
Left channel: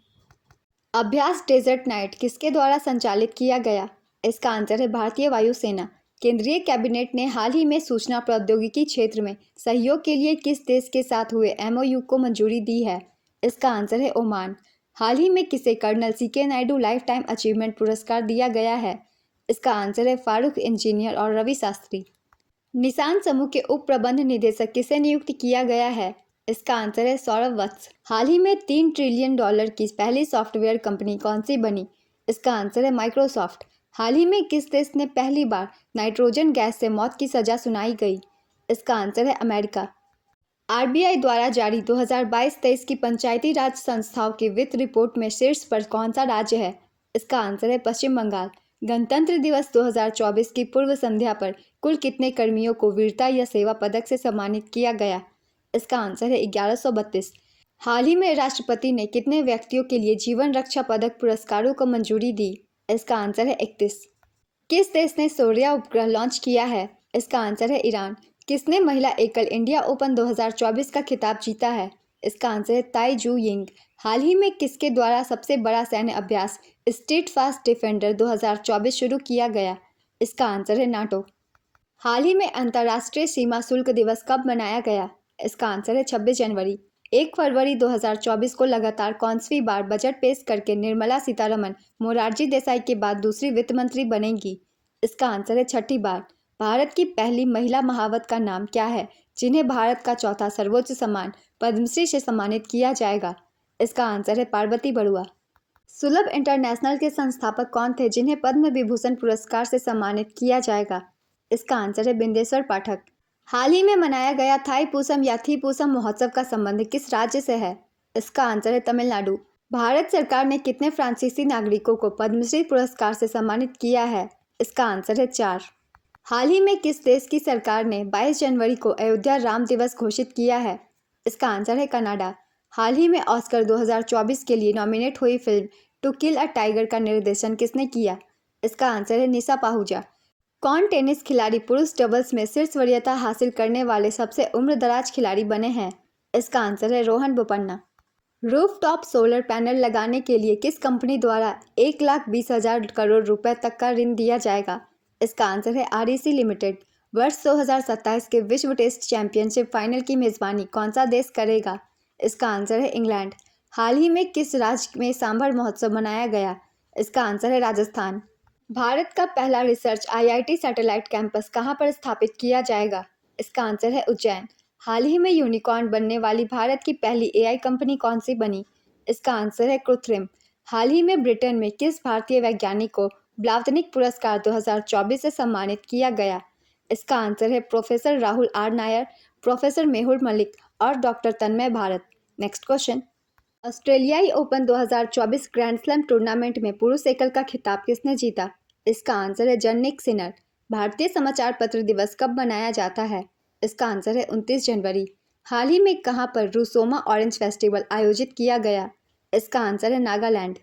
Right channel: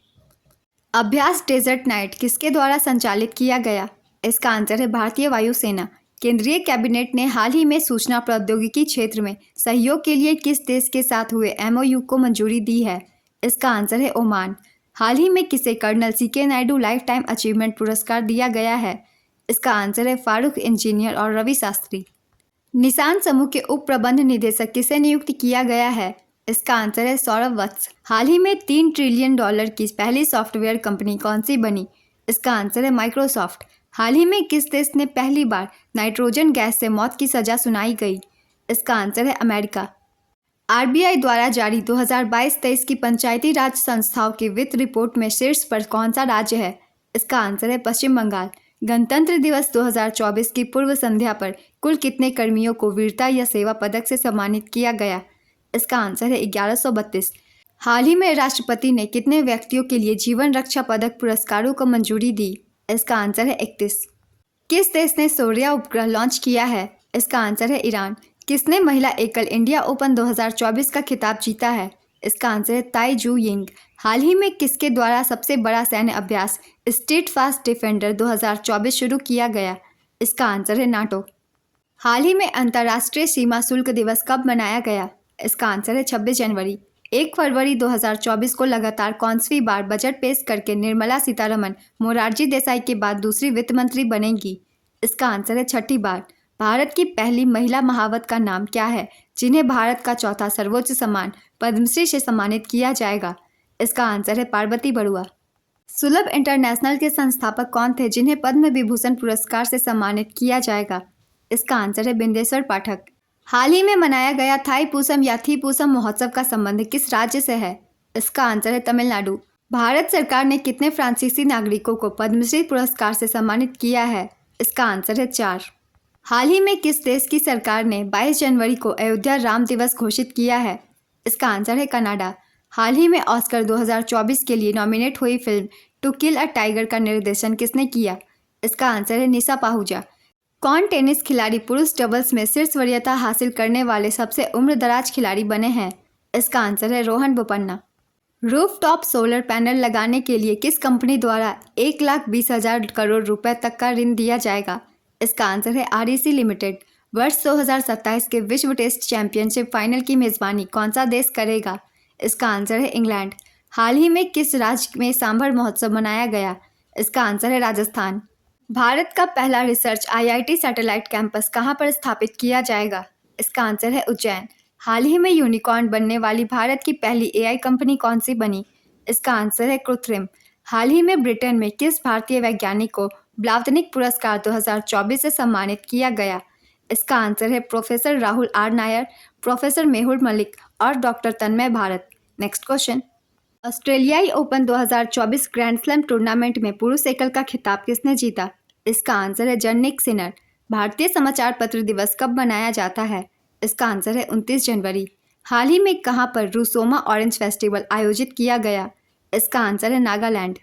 अभ्यास डेजर्ट नाइट किसके द्वारा संचालित किया गया? इसका आंसर है भारतीय वायुसेना। केंद्रीय कैबिनेट ने हाल ही में सूचना प्रौद्योगिकी क्षेत्र में सहयोग के लिए किस देश के साथ हुए MOU को मंजूरी दी है? इसका आंसर है ओमान। हाल ही में किसे colonel CK Naidu life time achievement पुरस्कार दिया गया है? इसका आंसर है फारूक इंजीनियर और रवि शास्त्री। निसान समूह के उप प्रबंध निदेशक किसे नियुक्त किया गया है? इसका आंसर है सौरभ वत्स। हाल ही में $3 ट्रिलियन की पहली सॉफ्टवेयर कंपनी कौन सी बनी? इसका आंसर है माइक्रोसॉफ्ट। हाल ही में किस देश ने पहली बार नाइट्रोजन गैस से मौत की सजा सुनाई गई? इसका आंसर है अमेरिका। RBI द्वारा जारी 2022-23 की पंचायती राज संस्थाओं की वित्त रिपोर्ट में शीर्ष पर कौन सा राज्य है? इसका आंसर है पश्चिम बंगाल। गणतंत्र दिवस 2024 की पूर्व संध्या पर कुल कितने कर्मियों को वीरता या सेवा पदक से सम्मानित किया गया? इसका आंसर है 1132। हाल ही में राष्ट्रपति ने कितने व्यक्तियों के लिए जीवन रक्षा पदक पुरस्कारों को मंजूरी दी? इसका आंसर है 31। किस देश ने सूर्या उपग्रह लॉन्च किया है? इसका आंसर है ईरान। किसने महिला एकल इंडिया ओपन 2024 का खिताब जीता है? इसका आंसर है ताई जू यिंग। हाल ही में किसके द्वारा सबसे बड़ा सैन्य अभ्यास स्ट्रीट फास्ट डिफेंडर 2024 शुरू किया गया? इसका आंसर है नाटो। हाल ही में अंतर्राष्ट्रीय सीमा शुल्क दिवस कब मनाया गया? इसका आंसर है 26 जनवरी। 1 फरवरी 2024 को लगातार कौनसवीं बार बजट पेश करके निर्मला सीतारमण मोरारजी देसाई के बाद दूसरी वित्त मंत्री बनेंगी? इसका आंसर है 6ठी बार। भारत की पहली महिला महावत का नाम क्या है जिन्हें भारत का चौथा सर्वोच्च सम्मान पद्मश्री से सम्मानित किया जाएगा? इसका आंसर है पार्वती बरुआ। सुलभ इंटरनेशनल के संस्थापक कौन थे जिन्हें पद्म विभूषण पुरस्कार से सम्मानित किया जाएगा? इसका आंसर है बिंदेश्वर पाठक। हाल ही में मनाया गया थाईपुसम या थीपुसम महोत्सव का संबंध किस राज्य से है? इसका आंसर है तमिलनाडु। भारत सरकार ने कितने फ्रांसीसी नागरिकों को पद्मश्री पुरस्कार से सम्मानित किया है? इसका आंसर है 4। हाल ही में किस देश की सरकार ने 22 जनवरी को अयोध्या राम दिवस घोषित किया है? इसका आंसर है कनाडा। हाल ही में ऑस्कर 2024 के लिए नॉमिनेट हुई film to kill a tiger का निर्देशन किसने किया? इसका आंसर है निशा पाहुजा। कौन टेनिस खिलाड़ी पुरुष डबल्स में शीर्ष वरीयता हासिल करने वाले सबसे उम्रदराज खिलाड़ी बने हैं? इसका आंसर है Rohan Bopanna. Rooftop solar panel लगाने के लिए किस कंपनी द्वारा 1,20,000 करोड़ रुपए तक का ऋण दिया जाएगा? इसका आंसर है REC लिमिटेड। वर्ष 2027 के विश्व टेस्ट चैंपियनशिप फाइनल की मेजबानी कौन सा देश करेगा? इसका आंसर है इंग्लैंड। हाल ही में किस राज्य में सांभर महोत्सव मनाया गया? इसका आंसर है राजस्थान। भारत का पहला रिसर्च IIT सैटेलाइट कैंपस कहां पर स्थापित किया जाएगा? इसका आंसर है उज्जैन। हाल ही में यूनिकॉर्न बनने वाली भारत की पहली AI कंपनी कौन सी बनी? इसका आंसर है कृत्रिम। हाल ही में ब्रिटेन में किस भारतीय वैज्ञानिक को ब्लावतनिक पुरस्कार 2024 से सम्मानित किया गया? इसका आंसर है professor Rahul R Nair, professor Mehul Malik और doctor Tanmay Bharat. Next question. ऑस्ट्रेलियाई ओपन 2024 ग्रैंड स्लैम टूर्नामेंट में पुरुष एकल का खिताब किसने जीता? इसका आंसर है जैनिक सिनर। भारतीय समाचार पत्र दिवस कब मनाया जाता है? इसका आंसर है 29 जनवरी। हाल ही में कहां पर रूसोमा ऑरेंज फेस्टिवल आयोजित किया गया? इसका आंसर है नागालैंड।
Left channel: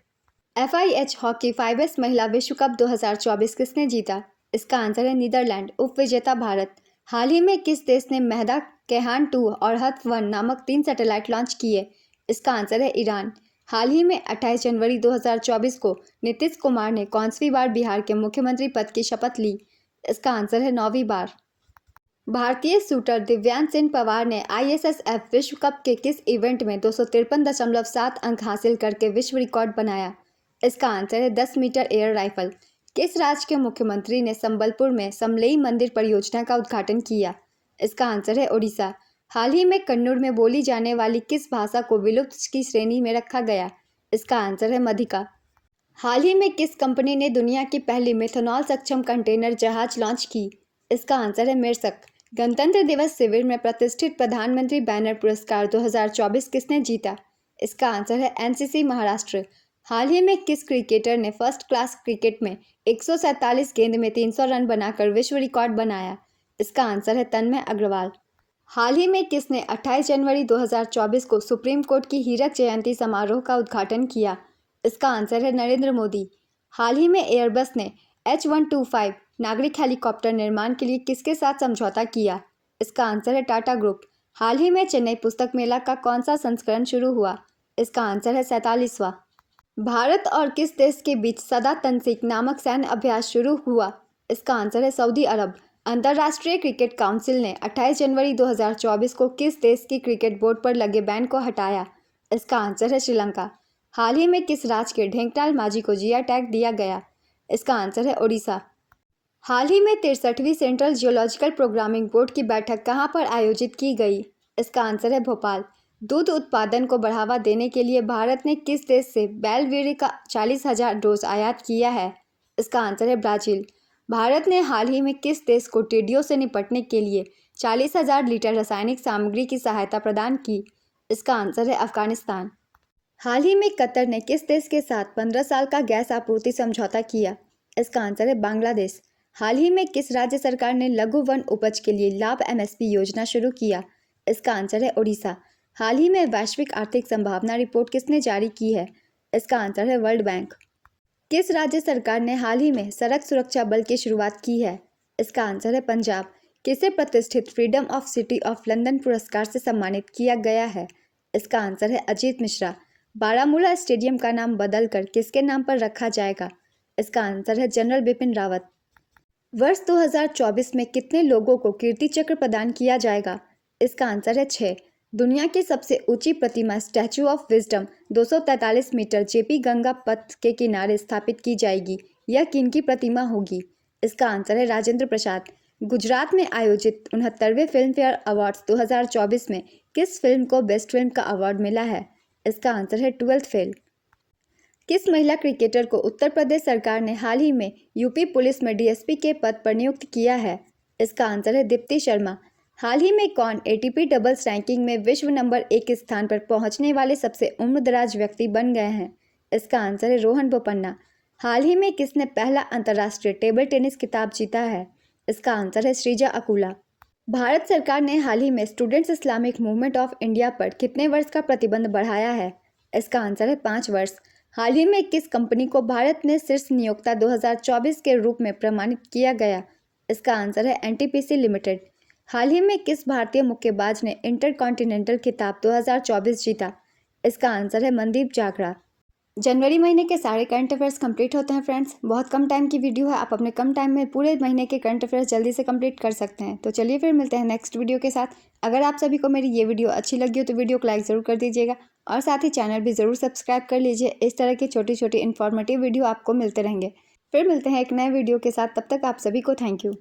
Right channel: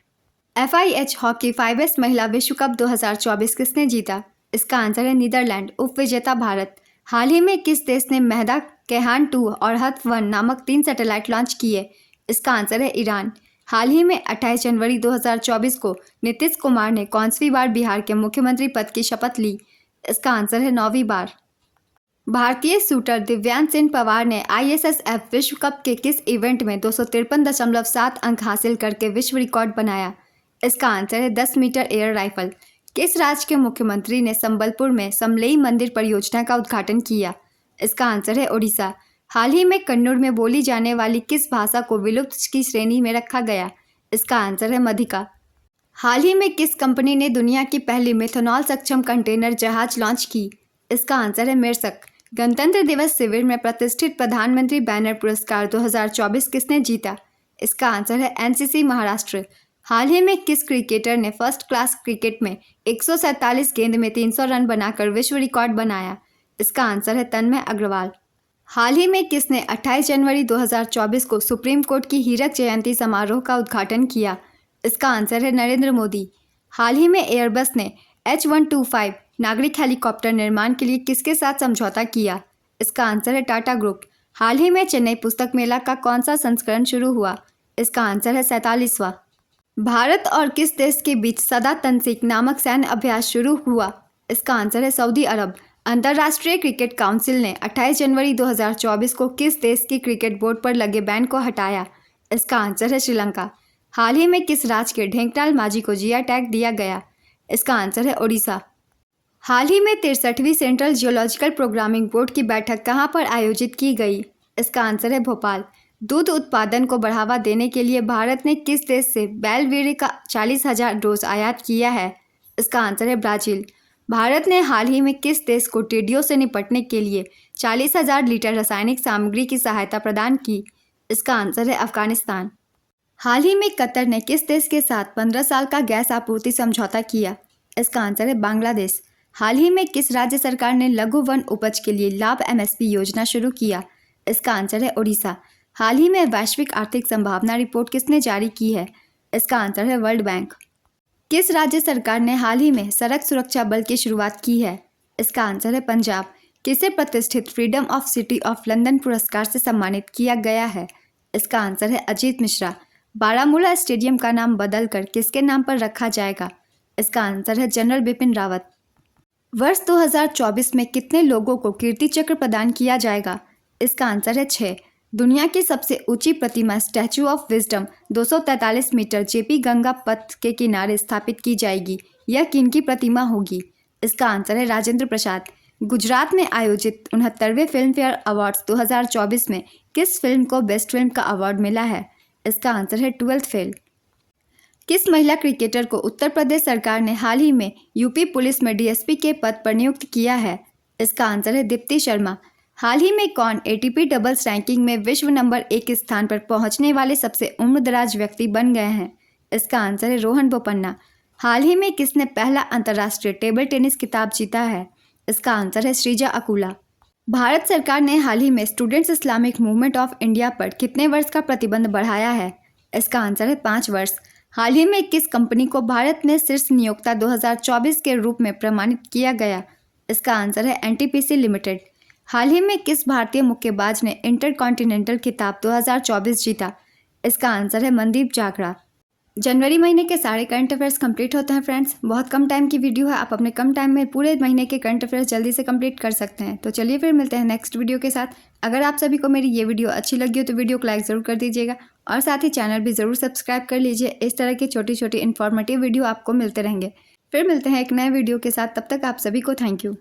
FIH हॉकी 5S महिला विश्व कप 2024 किसने जीता? इसका आंसर है नीदरलैंड, उपविजेता भारत। हाल ही में किस देश ने मेहदा केहान 2 और हथ 1 नामक 3 सैटेलाइट लॉन्च किए? इसका आंसर है ईरान। हाल ही में 28 जनवरी 2024 को नीतीश कुमार ने कौनसी बार बिहार के मुख्यमंत्री पद की शपथ ली? इसका आंसर है 9वीं बार। भारतीय शूटर दिव्यांश सिंह पवार ने ISSF विश्व कप के किस इवेंट में 253.7 अंक हासिल करके विश्व रिकॉर्ड बनाया? इसका आंसर है 10 मीटर एयर राइफल। किस राज्य के मुख्यमंत्री ने संबलपुर में समलेई मंदिर परियोजना का उद्घाटन किया? इसका आंसर है ओडिशा। हाल ही में कन्नौर में बोली जाने वाली किस भाषा को विलुप्त की श्रेणी में रखा गया? इसका आंसर है मधिका। हाल ही में किस कंपनी ने दुनिया की पहली मेथनॉल सक्षम कंटेनर जहाज लॉन्च की? इसका आंसर है मेरसक। गणतंत्र दिवस शिविर में प्रतिष्ठित प्रधानमंत्री बैनर पुरस्कार 2024 किसने जीता? इसका आंसर है NCC महाराष्ट्र। हाल ही में किस क्रिकेटर ने फर्स्ट क्लास क्रिकेट में 147 गेंद में 300 रन बनाकर विश्व रिकॉर्ड बनाया? इसका आंसर है तन्मय अग्रवाल। हाल ही में किसने 28 जनवरी 2024 को सुप्रीम कोर्ट की हीरक जयंती समारोह का उद्घाटन किया? इसका आंसर है नरेंद्र मोदी। हाल ही में एयरबस ने H125 नागरिक हेलीकॉप्टर निर्माण के लिए किसके साथ समझौता किया? इसका आंसर है टाटा ग्रुप। हाल ही में चेन्नई पुस्तक मेला का कौन सा संस्करण शुरू हुआ? इसका आंसर है 47वां। भारत और किस देश के बीच सदा तनसीक नामक सैन्य अभ्यास शुरू हुआ? इसका आंसर है सऊदी अरब। अंतर्राष्ट्रीय क्रिकेट काउंसिल ने 28 जनवरी 2024 को किस देश की क्रिकेट बोर्ड पर लगे बैन को हटाया? इसका आंसर है श्रीलंका। हाल ही में किस राज्य के ढेंकनाल माझी को GI टैग दिया गया? इसका आंसर है ओडिशा। हाल ही में 63वीं सेंट्रल जियोलॉजिकल प्रोग्रामिंग बोर्ड की बैठक कहां पर आयोजित की गई? इसका आंसर है भोपाल। दूध उत्पादन को बढ़ावा देने के लिए भारत ने किस देश से बैलवेरी का 40,000 डोज आयात किया है? इसका आंसर है ब्राजील। भारत ने हाल ही में किस देश को टिड्डियों से निपटने के लिए 40,000 लीटर रासायनिक सामग्री की सहायता प्रदान की? इसका आंसर है अफगानिस्तान। हाल ही में कतर ने किस देश के साथ 15 साल का गैस आपूर्ति समझौता किया? इसका आंसर है बांग्लादेश। हाल ही में किस राज्य सरकार ने लघु वन उपज के लिए लाभ MSP योजना शुरू किया? इसका आंसर है ओडिशा। हाल ही में वैश्विक आर्थिक संभावना रिपोर्ट किसने जारी की है? इसका आंसर है वर्ल्ड बैंक। किस राज्य सरकार ने हाल ही में सड़क सुरक्षा बल की शुरुआत की है? इसका आंसर है पंजाब। किसे प्रतिष्ठित freedom of city of London पुरस्कार से सम्मानित किया गया है? इसका आंसर है अजीत मिश्रा। बारामूला स्टेडियम का नाम बदलकर किसके नाम पर रखा जाएगा? इसका आंसर है जनरल बिपिन रावत। वर्ष 2024 में कितने लोगों को कीर्ति चक्र प्रदान किया जाएगा? इसका आंसर है 6। दुनिया की सबसे ऊंची प्रतिमा statue of wisdom 243 metre JP Ganga Path के किनारे स्थापित की जाएगी। यह किनकी प्रतिमा होगी? इसका आंसर है राजेंद्र प्रसाद। गुजरात में आयोजित 69वें फिल्म फेयर अवार्ड्स 2024 में किस फिल्म को बेस्ट फिल्म का अवार्ड मिला है? इसका आंसर है 12th फेल। किस महिला क्रिकेटर को उत्तर प्रदेश सरकार ने हाल ही में UP पुलिस में DSP के पद पर नियुक्त किया है? इसका आंसर है दीप्ति शर्मा। हाल ही में कौन ATP डबल्स रैंकिंग में विश्व नंबर 1 स्थान पर पहुंचने वाले सबसे उम्रदराज व्यक्ति बन गए हैं? इसका आंसर है रोहन बोपन्ना। हाल ही में किसने पहला अंतर्राष्ट्रीय टेबल टेनिस खिताब जीता है? इसका आंसर है श्रीजा अकुला। भारत सरकार ने हाल ही में students Islamic movement of India पर कितने वर्ष का प्रतिबंध बढ़ाया है? इसका आंसर है 5 वर्ष। हाल ही में किस कंपनी को भारत में शीर्ष नियोक्ता 2024 के रूप में प्रमाणित किया गया? इसका आंसर है NTPC लिमिटेड। हाल ही में किस भारतीय मुक्केबाज ने इंटरकॉन्टिनेंटल खिताब 2024 जीता? इसका आंसर है मनदीप जागरा। जनवरी महीने के सारे करंट अफेयर्स कंप्लीट होते हैं फ्रेंड्स। बहुत कम टाइम की वीडियो है, आप अपने कम टाइम में पूरे महीने के करंट अफेयर्स जल्दी से कंप्लीट कर सकते हैं। तो चलिए फिर मिलते हैं नेक्स्ट वीडियो के साथ। अगर आप सभी को मेरी ये वीडियो अच्छी लगी हो तो वीडियो को लाइक ज़रूर कर दीजिएगा और साथ ही चैनल भी ज़रूर सब्सक्राइब कर लीजिए। इस तरह की छोटी छोटी इन्फॉर्मेटिव वीडियो आपको मिलते रहेंगे। फिर मिलते हैं एक नए वीडियो के साथ, तब तक आप सभी को थैंक यू।